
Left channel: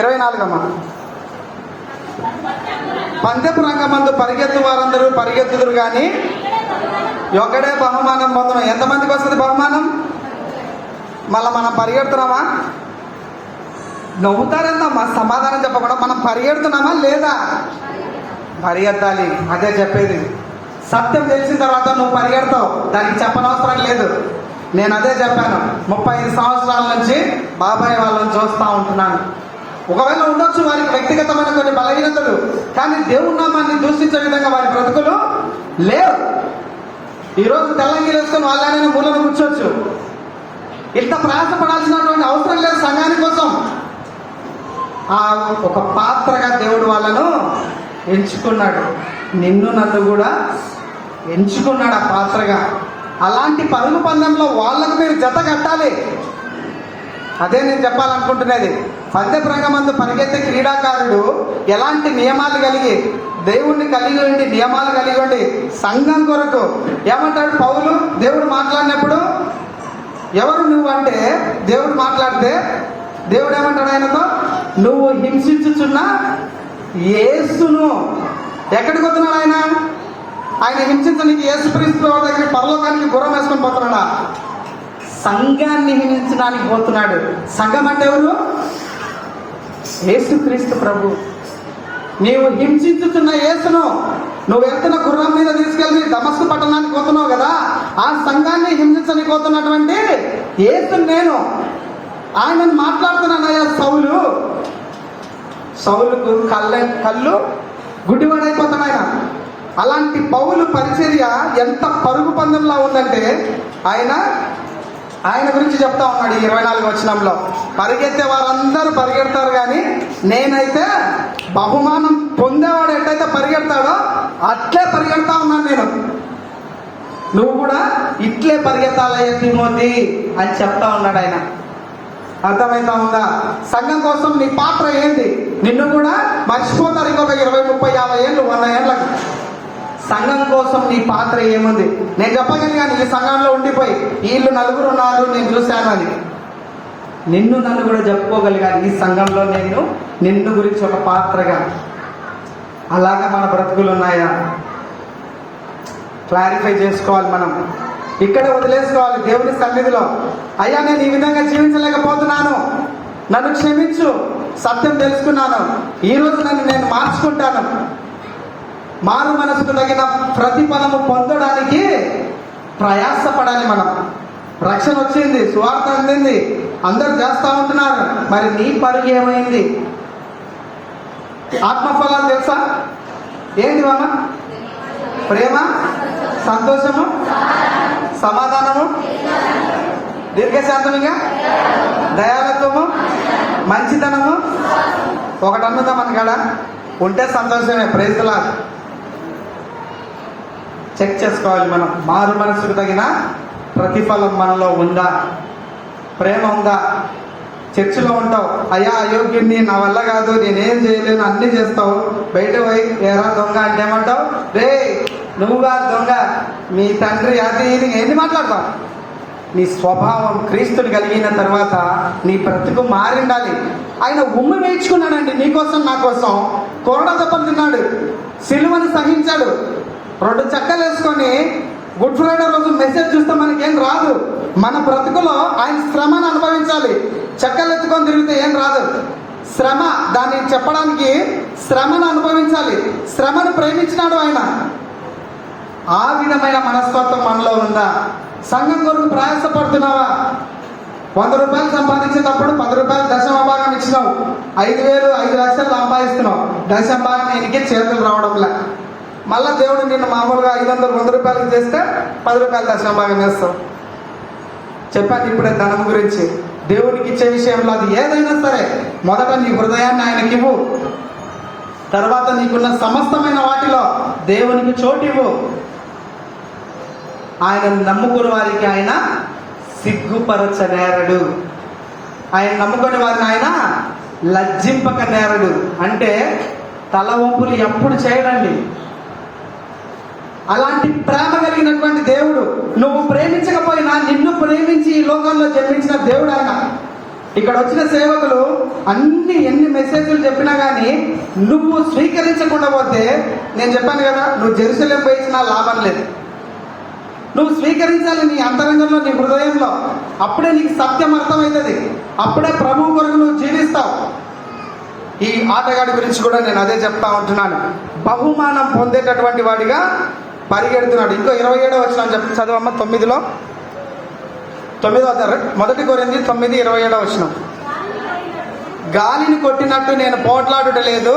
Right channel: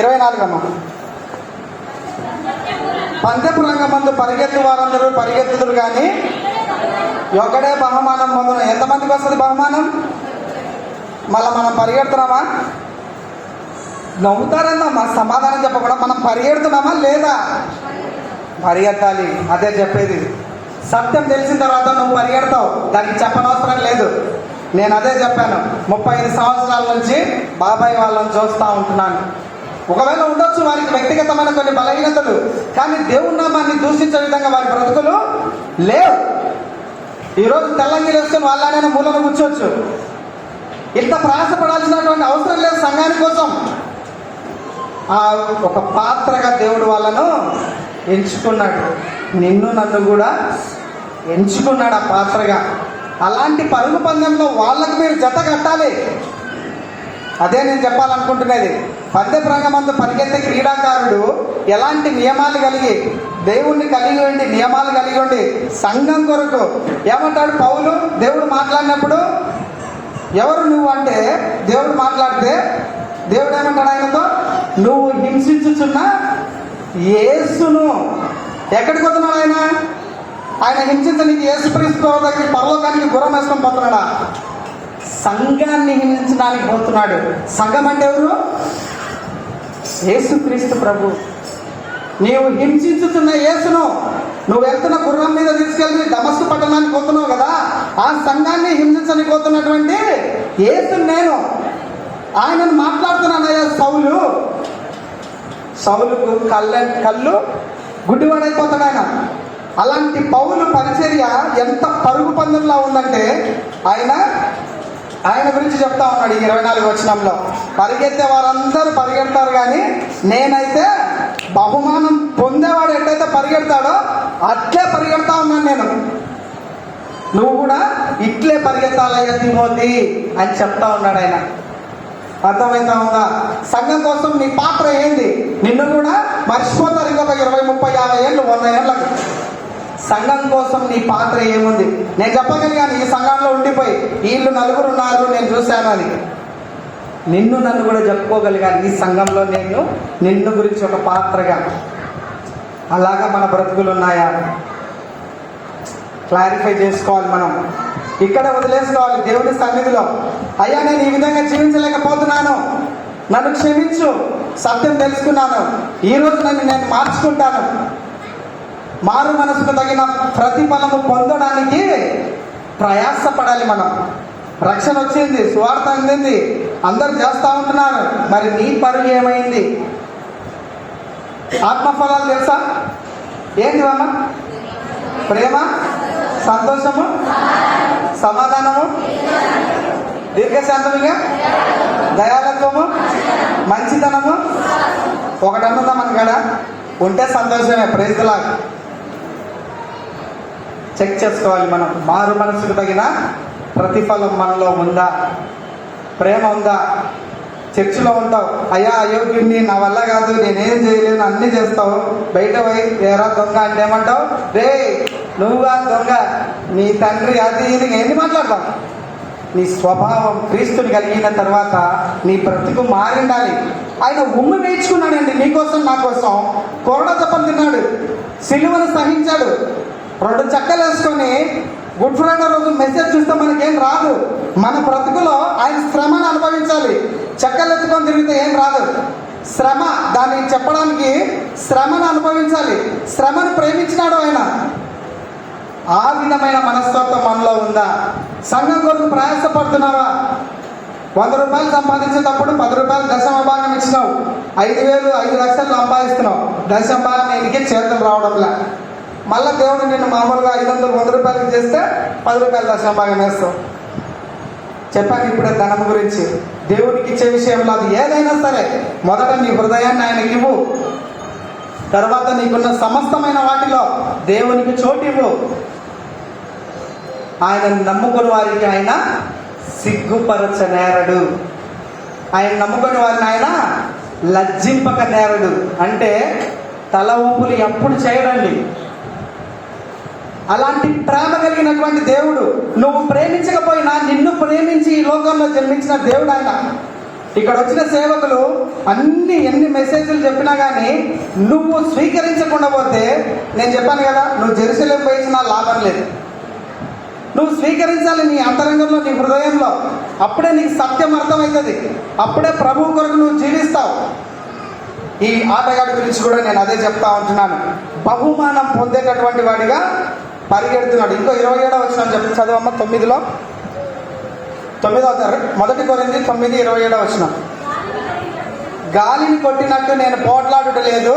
24. పందెపు రంగమందు పరిగెత్తు వారందరూ పరిగెత్తుదురు గాని ఒకడే బహుమానం పొందును. ఎంతమందికి వస్తుంది బహుమానం? మళ్ళా మనం పరిగెడుతున్నామా? నవ్వుతారన్నా మా సమాధానం చెప్పకుండా మనం పరిగెడుతున్నామా లేదా? పరిగెత్తాలి. అదే చెప్పేది. సత్యం తెలిసిన తర్వాత నువ్వు పరిగెడతావు, దానికి చెప్పనవసరం లేదు. నేను అదే చెప్పాను. 35 సంవత్సరాల నుంచి బాబాయ్ వాళ్ళని చూస్తూ ఉంటున్నాను. ఒకవేళ ఉండొచ్చు వారికి వ్యక్తిగతమైన కొన్ని బలహీనతలు, కానీ దేవుని నామాన్ని దూషించే విధంగా వారి బ్రతుకులు లేవు. ఈరోజు తెల్లంగి వేసుకొని వాళ్ళని మూలను కూర్చోవచ్చు. ఇంత ప్రయాసపడాల్సినటువంటి అవసరం లేదు సంఘాని కోసం. ఒక పాత్రగా దేవుడు వాళ్ళను ఎంచుకున్నాడు. నిన్ను నన్ను కూడా ఎంచుకున్నాడు ఆ పాత్రగా. అలాంటి పరుగు పందెంలో వాళ్ళకు మీరు జత కట్టాలి. అదే నేను చెప్పాలనుకుంటున్నది. పందెపు రంగమందు పరిగెత్తే క్రీడాకారుడు ఎలాంటి నియమాలు కలిగి, దేవుణ్ణి కలిగి ఉండి, నియమాలు కలిగి ఉండి సంఘం కొరకు ఏమంటాడు పౌలు? దేవుడు మాట్లాడినప్పుడు ఎవరు నువ్వు అంటే, దేవుడు మాట్లాడితే దేవుడు ఏమంటాడు ఆయనతో? నువ్వు హింసించుచున్న యేసును. ఎక్కడికి వస్తున్నాడు ఆయన? ఆయన హింసించడానికి యేసుక్రీస్తు దగ్గర పరలోకానికి గుర్రం వేసుకొని పోతున్నాడా? సంఘాన్ని హింసించడానికి పోతున్నాడు. సంఘం అంటే ఎవరు? యేసుక్రీస్తు ప్రభు. నీవు హింసించుతున్న యేసును నువ్వు వెళ్తున్న గుర్రం మీద తీసుకెళ్ళి దమస్కు పట్టణానికి పోతున్నావు కదా, ఆ సంఘాన్ని హింసించడానికి పోతున్నటువంటి యేసును నేను. ఆయనను మాట్లాడుతున్నానయ్యా. సౌలుకు కళ్ళు గుడ్డివాడైపోతాడు ఆయన. అలాంటి పౌలు పరిచర్య ఎంత పరుగు పందెంలా ఉందంటే ఆయన గురించి చెప్తా ఉన్నాడు ఈ 24వ వచనంలో. పరిగెత్తే వారందరూ పరిగెడతారు కానీ నేనైతే బహుమానం పొందేవాడు ఎట్టయితే పరిగెడతాడో అట్లే పరిగెడతా ఉన్నాను నేను. నువ్వు కూడా ఇట్లే పరిగెత్తాలయ్యా తిమోతి అని చెప్తా ఉన్నాడు ఆయన. అర్థమైతా ఉందా? సంఘం కోసం నీ పాత్ర ఏంటి? నిన్ను కూడా మర్చిపోతారు ఇంకొక 20, 30, 50 ఏళ్ళు, 100 ఏళ్ళకి. సంఘం కోసం నీ పాత్ర ఏముంది? నేను చెప్పగలిగాను ఈ సంఘంలో ఉండిపోయి వీళ్ళు 4 ఉన్నారు నేను చూశాను అని. నిన్ను నన్ను కూడా చెప్పుకోగలిగాను ఈ సంఘంలో నేను నిన్ను గురించి ఒక పాత్రగా. అలాగా మన బ్రతుకులు ఉన్నాయా? క్లారిఫై చేసుకోవాలి మనం. ఇక్కడ వదిలేసుకోవాలి దేవుని సన్నిధిలో. అయ్యా నేను ఈ విధంగా జీవించలేకపోతున్నాను, నన్ను క్షమించు, సత్యం తెలుసుకున్నాను, ఈ రోజు నన్ను నేను మార్చుకుంటాను. మారు మనసుకు తగిన ప్రతిఫలము పొందడానికి ప్రయాసపడాలి. మనం రక్షణ వచ్చింది, సువార్త అందింది, అందరూ చేస్తూ ఉంటున్నారు. మరి నీ పరుగు ఏమైంది? ఆత్మఫలాలు తెలుసా? ఏంటివన్నా? ప్రేమ, సంతోషము, సమాధానము, దీర్ఘశాంతముగా, దయాలత్వము, మంచితనము. ఒకటి అన్నదా మన కాడ ఉంటే సంతోషమే. ప్రైజ్లా చెక్ చేసుకోవాలి మనం. మారు మనసుకు తగిన ప్రతిఫలం మనలో ఉందా? ప్రేమ ఉందా? చర్చిలో ఉంటావు, అయ్యా అయోగ్యుడిని, నా వల్ల కాదు, నేనేం చేయలేను, అన్ని చేస్తావు. బయట పోయి ఏరా దొంగ అంటే ఏమంటావు? రే నువ్వుగా దొంగ, మీ తండ్రి అది ఇది ఎన్ని మాట్లాడతావు? నీ స్వభావం క్రీస్తుని కలిగిన తర్వాత నీ బ్రతుకు మారిండాలి. ఆయన ఉమ్మి వేయించుకున్నాడండి నీకోసం, నా కోసం. కొరడ తప్పని తిన్నాడు, సిలువను సహించాడు. 2 చెక్కలు వేసుకొని గుడ్ ఫ్రైడే రోజు మెసేజ్ చూస్తే మనకేం రాదు. మన బ్రతుకులో ఆయన శ్రమను అనుభవించాలి. చెక్కలు ఎత్తుకొని తిరిగితే ఏం రాదు. శ్రమ, దాన్ని చెప్పడానికి శ్రమను అనుభవించాలి. శ్రమను ప్రేమించినాడు ఆయన. ఆ విధమైన మనస్తత్వం మనలో ఉందా? సంఘం కొరకు ప్రయాసపడుతున్నావా? 100 రూపాయలు సంపాదించేటప్పుడు 10 రూపాయలు దశమ భాగం ఇచ్చినావు. 5,000 5 లక్షలు సంపాదిస్తున్నావు. దశమ భాగం నీకే చేతులు రావడంలే. మళ్ళా దేవుడు నిన్ను మామూలుగా 500 100 రూపాయలకు చేస్తే 10 రూపాయలు దశమ భాగం వేస్తావు. చెప్పాను ఇప్పుడే ధనం గురించి. దేవుడికి ఇచ్చే విషయంలో అది ఏదైనా సరే మొదట నీ హృదయాన్ని ఆయనకి ఇవ్వు. తర్వాత నీకున్న సమస్తమైన వాటిలో దేవునికి చోటివ్వు. ఆయన నమ్ముకుని వారికి ఆయన సిగ్గుపరచనేరడు. ఆయన నమ్ముకుని వారిని ఆయన లజ్జింపక నేరడు. అంటే తల వంపులు ఎప్పుడు చేయడండి. అలాంటి ప్రేమ కలిగినటువంటి దేవుడు, నువ్వు ప్రేమించకపోయినా నిన్ను ప్రేమించి ఈ లోకంలో జన్మించిన దేవుడు ఆయన. ఇక్కడ వచ్చిన సేవకులు ఎన్ని మెసేజ్లు చెప్పినా కానీ నువ్వు స్వీకరించకుండా పోతే, నేను చెప్పాను కదా, నువ్వు జెరూసలేం పోయించినా లాభం లేదు. నువ్వు స్వీకరించాలి నీ అంతరంగంలో, నీ హృదయంలో. అప్పుడే నీకు సత్యం అర్థమవుతుంది. అప్పుడే ప్రభువు కొరకు నువ్వు జీవిస్తావు. ఈ ఆటగాడి గురించి కూడా నేను అదే చెప్తా ఉంటున్నాను. బహుమానం పొందేటటువంటి వాడిగా పరిగెడుతున్నాడు. ఇంకో 27వ వచనం చెప్పి చదవమ్మ. 9వ తరగతి 1 కొరింథీ 9:27 వచనం. గాలిని కొట్టినట్టు నేను పోట్లాడుటలేదు.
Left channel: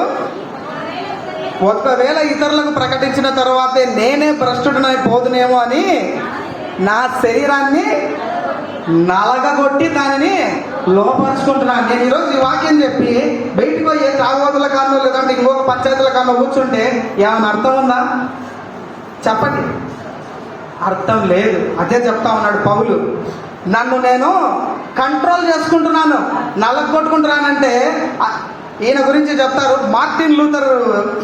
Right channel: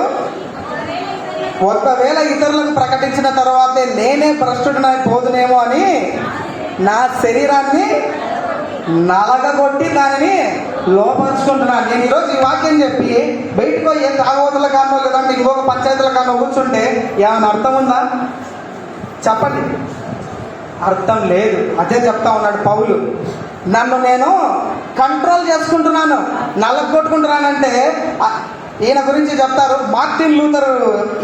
ఒకవేళ ఇతరులకు ప్రకటించిన తర్వాతే నేనే భ్రష్టుడినై పోదునేమో అని నా శరీరాన్ని నలగగొట్టి దానిని లోపరుచుకుంటున్నాను. నేను ఈరోజు ఈ వాక్యం చెప్పి బయటకు ఏ తాగోతుల కానో లేదంటే ఇంకొక పంచాయతీల కానో కూర్చుంటే ఏమైనా అర్థం ఉందా? చెప్పండి. అర్థం లేదు. అదే చెప్తా ఉన్నాడు పౌలు. నన్ను నేను కంట్రోల్ చేసుకుంటున్నాను, నలగొట్టుకుంటున్నానంటే ఈయన గురించి చెప్తారు. మార్టిన్ లూథర్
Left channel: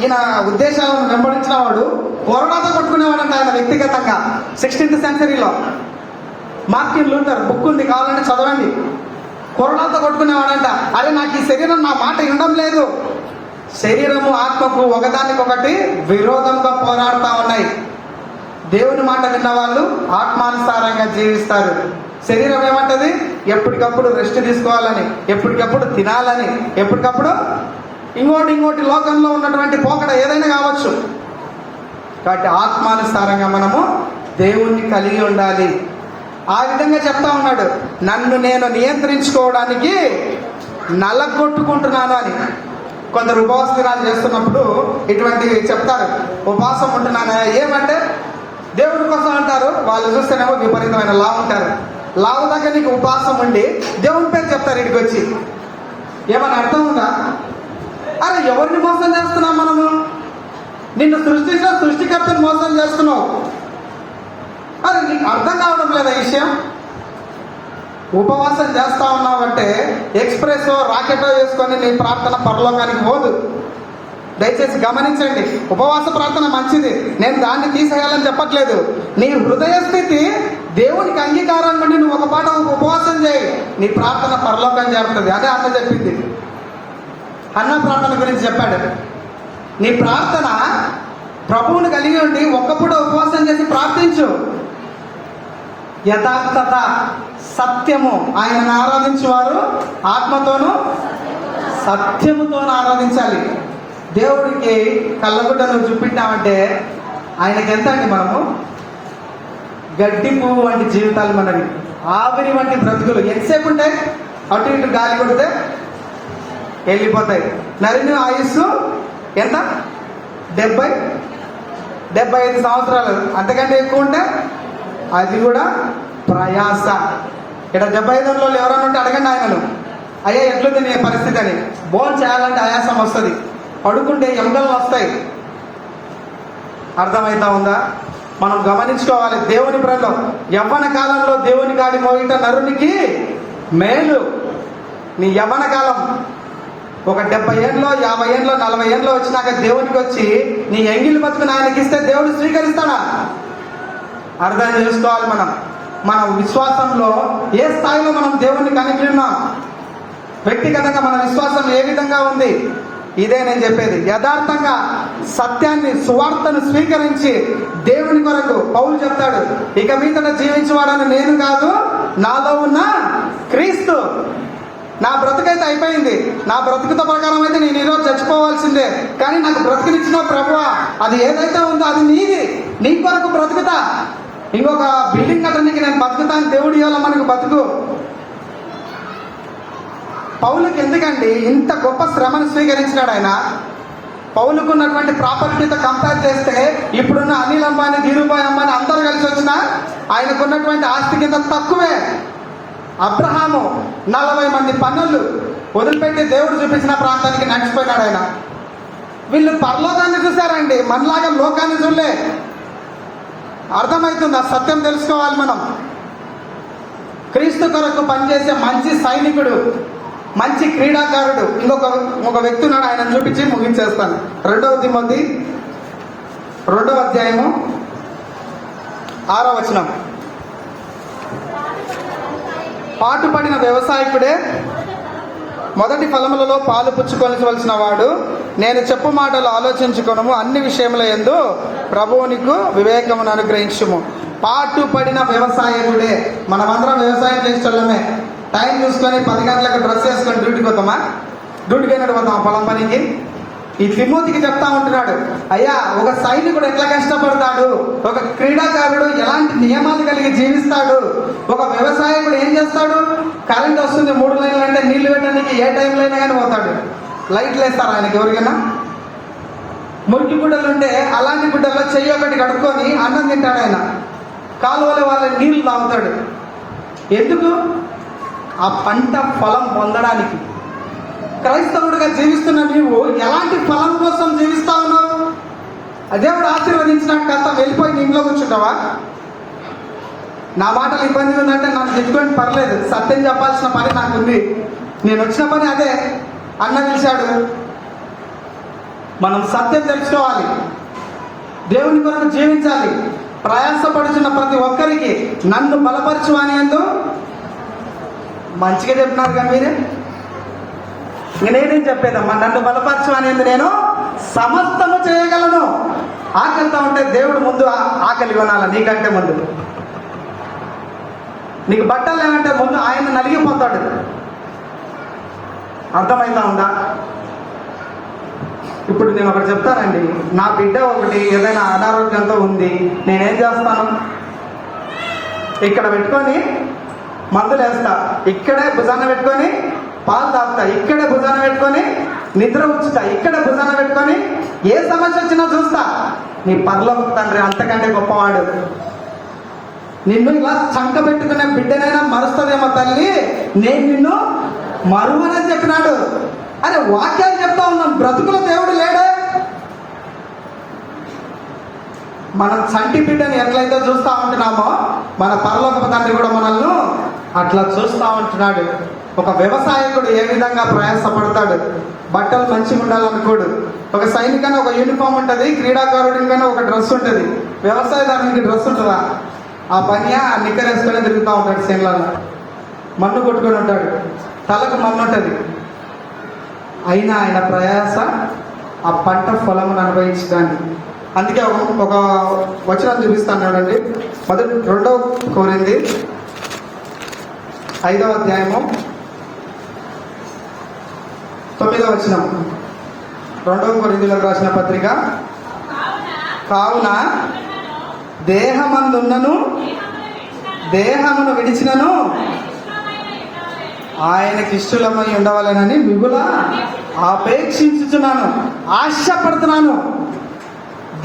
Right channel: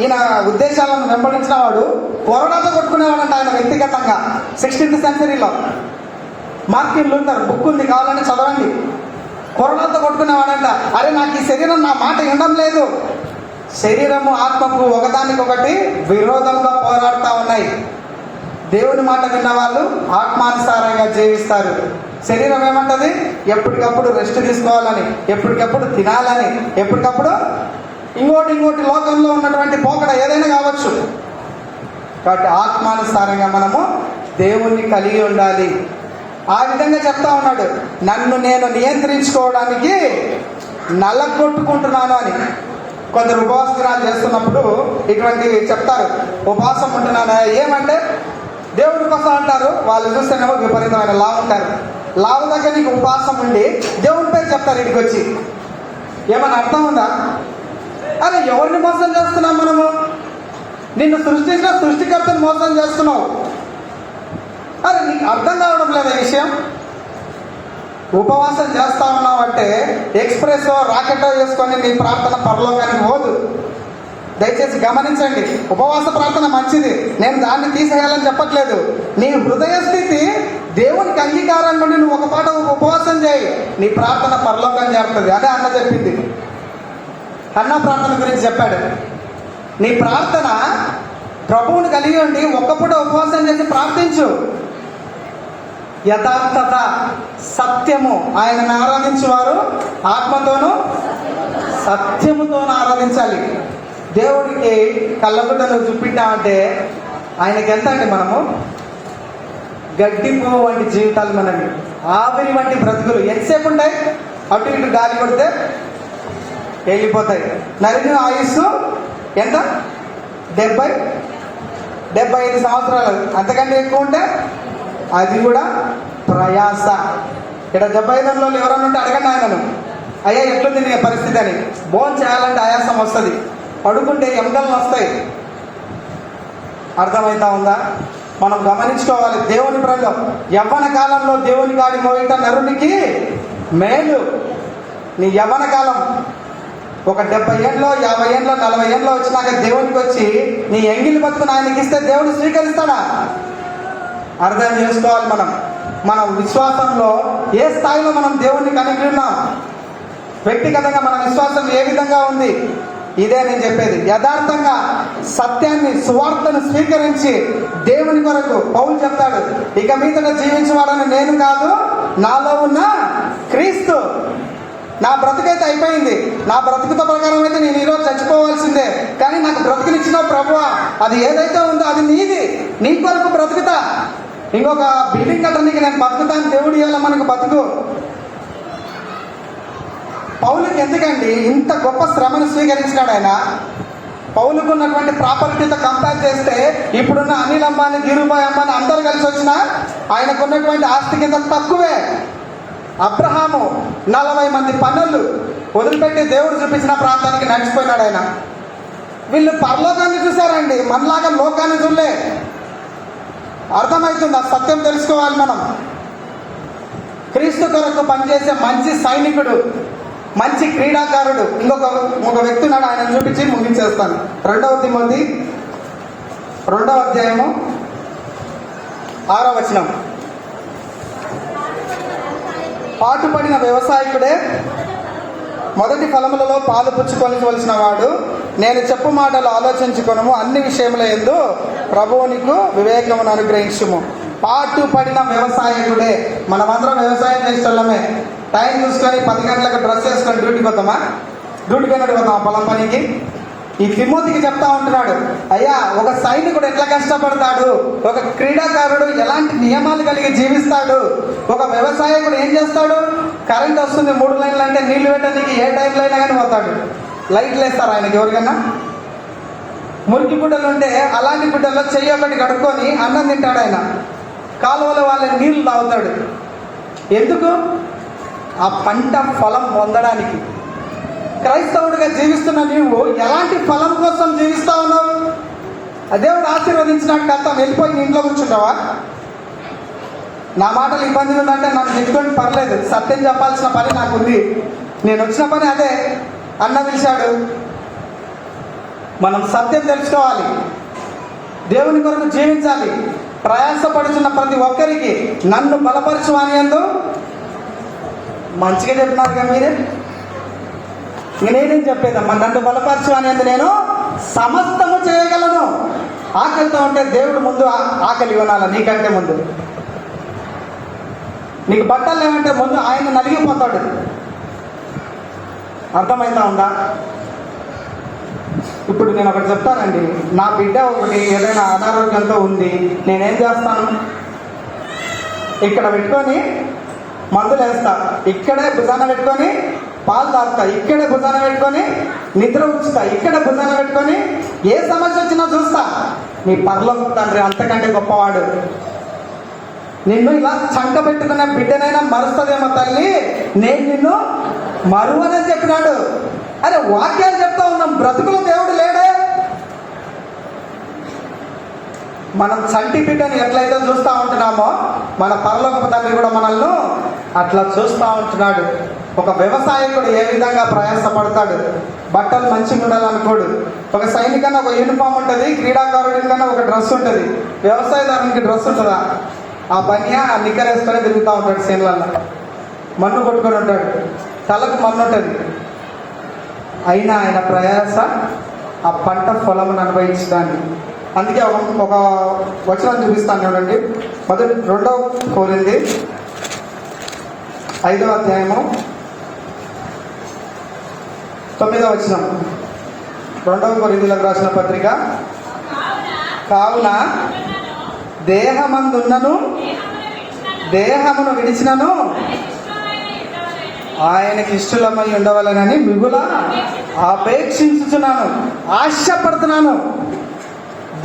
ఈయన ఉద్దేశాలను వెంబడించిన వాడు కొరడాతో కొట్టుకునేవాడంట ఆయన వ్యక్తిగతంగా. 16th సెంచరీలో మార్టిన్ లూథర్ బుక్ ఉంది, కావాలని చదవండి. కొరడాతో కొట్టుకునేవాడంట. అరే నాకు ఈ శరీరం నా మాట వినడం లేదు. శరీరము ఆత్మకు ఒకదానికొకటి విరోధంగా పోరాడుతూ ఉన్నాయి. దేవుని మాట విన్న వాళ్ళు ఆత్మానుసారంగా జీవిస్తారు. శరీరం ఏమంటది? ఎప్పటికప్పుడు రెస్ట్ తీసుకోవాలని, ఎప్పటికప్పుడు తినాలని, ఎప్పటికప్పుడు ఇంకోటి లోకంలో ఉన్నటువంటి పోకడ ఏదైనా కావచ్చు. కాబట్టి ఆత్మానుసారంగా మనము దేవుణ్ణి కలిగి ఉండాలి. ఆ విధంగా చెప్తా ఉన్నాడు, నన్ను నేను నియంత్రించుకోవడానికి నలగొట్టుకుంటున్నాను అని. కొందరు ఉపవాస దినాలు చేస్తున్నప్పుడు ఇటువంటివి చెప్తారు. ఉపవాసం ఉంటున్నాను ఏమంటే దేవుడి కోసం అంటారు. వాళ్ళు చూస్తేనేమో విపరీతమైన లావు ఉంటారు. లావు దగ్గర నీకు ఉపవాసం ఉండి దేవుని పేరు చెప్తారు ఇంటికి వచ్చి. ఏమన్నా అర్థం ఉందా? అరే ఎవరిని మోసం చేస్తున్నాం మనము? నిన్ను సృష్టించిన సృష్టికర్తను మోసం చేస్తున్నావు. అరే నీకు అర్థం కావడం లేదా ఈ విషయం? ఉపవాసం చేస్తా ఉన్నావంటే ఎక్స్ప్రెస్ రాకెటో వేసుకొని నీ ప్రార్థన పరలోకానికి పోదు. దయచేసి గమనించండి. ఉపవాస ప్రార్థన మంచిది, నేను దాన్ని తీసేయాలని చెప్పట్లేదు. నీ హృదయ స్థితి దేవునికి అంగీకారం నుండి నువ్వు ఒక పాట ఉపవాసం చేయి, నీ ప్రార్థన పరలోకం చేరుతుంది. అదే అన్న చెప్పింది. అన్న ప్రార్థన గురించి చెప్పాడు. నీ ప్రార్థన ప్రభువుని కలిగి ఉండి ఒక్క పూట ఉపవాసం చేసి ప్రార్థించు. యథార్థత, సత్యము. ఆయనను ఆరాధించేవారు ఆత్మతోనూ సత్యముతోనూ ఆరాధించాలి. దేవుడికి కళ్ళగుడ్డను చూపించామంటే ఆయనకి ఎంత అండి? మనము గడ్డి పువ్వు వంటి జీవితాలు మనవి, ఆవిరి వంటి బ్రతుకులు ఎంతసేపు ఉంటాయి? అటు ఇటు గాలి కొడితే వెళ్ళిపోతాయి. నరిని ఆయుస్సు ఎంత? 75 సంవత్సరాలు, అంతకంటే ఎక్కువ ఉంటే అది కూడా ప్రయాస. ఇక్కడ 75లో ఎవరన్నా ఉంటే అడగండి ఆయనను, అయ్యా ఎట్లుంది నీ పరిస్థితి అని. భోజనం చేయాలంటే ఆయాసం వస్తుంది, పడుకుంటే ఎముకలు వస్తాయి. అర్థమవుతా ఉందా? మనం గమనించుకోవాలి. దేవుని ప్రేమలో యవ్వన కాలంలో దేవుని కాడి మోయిట నరునికి మేలు. నీ యవ్వన కాలం ఒక 70 ఏళ్ళలో, 50 ఏళ్ళలో, 40 ఏళ్ళలో వచ్చినాక దేవునికి వచ్చి నీ ఎంగిలి బతుకుని ఆయనకి ఇస్తే దేవుడు స్వీకరిస్తాడా? అర్థం చేసుకోవాలి. మన విశ్వాసంలో ఏ స్థాయిలో మనం దేవుణ్ణి కలిగి ఉన్నాం, వ్యక్తిగతంగా మన విశ్వాసం ఏ విధంగా ఉంది, ఇదే నేను చెప్పేది. యథార్థంగా సత్యాన్ని, సువార్తను స్వీకరించి దేవుని కొరకు పౌలు చెప్తాడు, ఇక మీదట జీవించేవాడని నేను కాదు, నాలో ఉన్న క్రీస్తు. నా బ్రతుకైతే అయిపోయింది, నా బ్రతుకుత ప్రకారం అయితే నేను ఈరోజు చచ్చిపోవాల్సిందే, కానీ నాకు బ్రతుకునిచ్చిన ప్రభువా, అది ఏదైతే ఉందో అది నీది, నీ కొరకు బ్రతుకుతా. ఇంకొక బిల్డింగ్ కట్టడానికి నేను బతుకుతాను, దేవుడు ఇవాళ మనకు బతుకు. పౌలుకి ఎందుకండి ఇంత గొప్ప శ్రమను స్వీకరించినాడు ఆయన? పౌలుకు ఉన్నటువంటి ప్రాపర్టీతో కంపేర్ చేస్తే ఇప్పుడున్న అనిల్ అంబానీ, ధీరుభాయ్ అంబానీ అందరూ కలిసి వచ్చినా ఆయనకున్నటువంటి ఆస్తి కింద తక్కువే. అబ్రహాము 40 మంది పనులు వదిలిపెట్టి దేవుడు చూపించిన ప్రాంతానికి నడిచిపోయినాడు ఆయన. వీళ్ళు పరలోకాన్ని చూశారండి, మనలాగా లోకాన్ని చూడలే. అర్థమవుతుంది, ఆ సత్యం తెలుసుకోవాలి మనం. క్రీస్తు కొరకు పనిచేసే మంచి సైనికుడు, మంచి క్రీడాకారుడు ఇంకొక వ్యక్తి ఉన్నాడు, ఆయన చూపించి ముగించేస్తాను. 2 తిమోతి 2వ అధ్యాయము 6వ వచనం. పాటుపడిన వ్యవసాయకుడే మొదటి ఫలములలో పాలు పుచ్చుకొనవలసిన వాడు. నేను చెప్పు మాటలు ఆలోచించుకొనుము, అన్ని విషయముల యందు ప్రభువు నీకు వివేకమును అనుగ్రహించుము. పాటుపడిన వ్యవసాయకుడే. మనమందరం వ్యవసాయం చేసేటోళ్ళమే. టైం చూసుకొని 10 గంటలకు డ్రెస్ వేసుకొని డ్యూటీకి పోతామా? డ్యూటీకి అయినట్టు పోతామా పొలం పనికి? ఈ తిమోతికి చెప్తా ఉంటున్నాడు, అయ్యా ఒక సైనికుడు ఎట్లా కష్టపడతాడు, ఒక క్రీడాకారుడు ఎలాంటి నియమాలు కలిగి జీవిస్తాడు, ఒక వ్యవసాయకుడు ఏం చేస్తాడు, కరెంట్ వస్తుంది 3 లైన్లు అంటే నీళ్లు పెట్టడానికి ఏ టైంలో అయినా కానీ పోతాడు. లైట్లు వేస్తారు ఆయనకి ఎవరికైనా. మురికి గుడ్డలు ఉంటే అలాంటి గుడ్డల్లో చెయ్యి ఒకటి కడుక్కొని అన్నం తింటాడు ఆయన. కాలువల వాళ్ళ నీళ్లు తాగుతాడు. ఎందుకు? ఆ పంట ఫలం పొందడానికి. క్రైస్తవుడిగా జీవిస్తున్న నీవు ఎలాంటి ఫలం కోసం జీవిస్తా ఉన్నావు? దేవుడు ఆశీర్వదించినట్టు అంతా వెళ్ళిపోయి నీ ఇంట్లో కూర్చుంటావా? నా మాటలు ఇబ్బందిగా ఉందంటే నాకు తిట్టుకొని పర్లేదు, సత్యం చెప్పాల్సిన పని నాకుంది. నేను వచ్చిన పని అదే. అన్న పిలిచాడు, మనం సత్యం తెలుసుకోవాలి, దేవుని కొరకు జీవించాలి. ప్రయాసపడుచున్న ప్రతి ఒక్కరికి నన్ను బలపరచు అని అందు మంచిగా చెప్పినారు కానీ మీరే. ఇంక నేనేం చెప్పేదమ్మా, నన్ను బలపరచు అని అందు నేను సమస్తము చేయగలను. ఆకలితో ఉంటే దేవుడు ముందు ఆకలి కొనాల, నీకంటే ముందు. నీకు బట్టలు ఏమంటే ముందు ఆయన నలిగిపోతాడు. అర్థమైతా ఉందా? ఇప్పుడు నేను ఒకటి చెప్తానండి, నా బిడ్డ ఒకటి ఏదైనా అనారోగ్యంతో ఉంది, నేనేం చేస్తాను? ఇక్కడ పెట్టుకొని మందులు వేస్తా, ఇక్కడే భుజాన పెట్టుకొని పాలు తాగుతా, ఇక్కడే భుజాన పెట్టుకొని నిద్ర ఉంచుతా, ఇక్కడ భుజాన పెట్టుకొని ఏ సమస్య వచ్చినా చూస్తా. నీ పరలోక తండ్రి అంతకంటే గొప్పవాడు. నిన్ను ఇలా చంక పెట్టుకునే బిడ్డనైనా మరుస్తుందేమో తల్లి, నేను నిన్ను మరువనని చెప్పినాడు. అరే వాక్యాలు చెప్తా ఉన్నాం, బ్రతుకులో దేవుడు లేడే. మనం చంటి బిడ్డని ఎట్లయితే చూస్తూ ఉంటున్నామో మన పరలోక తండ్రి కూడా మనల్ని అట్లా చూస్తూ ఉంటున్నాడు. ఒక వ్యవసాయకుడు ఏ విధంగా ప్రయాసపడతాడు, బట్టలు మంచిగా ఉండాలనుకోడు. ఒక సైనికన్నా ఒక యూనిఫామ్ ఉంటుంది, క్రీడాకారుడికైనా ఒక డ్రెస్ ఉంటుంది. వ్యవసాయదారునికి డ్రెస్ ఉంటుందా? ఆ పని ఆ నిక్కర్ వేసుకొని తిరుగుతూ ఉంటాడు. సేన్లలో మన్ను కొట్టుకొని ఉంటాడు, తలకు మన్ను ఉంటుంది. అయినా ఆయన ప్రయాస ఆ పంట పొలమును అనుభవించడానికి. అందుకే ఒక వచనం చూపిస్తాను చూడండి. 2 కొరింథీ 5వ అధ్యాయము 9వ వచనం. రెండవ కొరింథీయులకు రాసిన పత్రిక. కావున దేహమందున్నను దేహమును విడిచినను ఆయనకి ఇష్టలమై ఉండవాలనని మిగుల అపేక్షించుచున్నాను, ఆశపడుతున్నాను.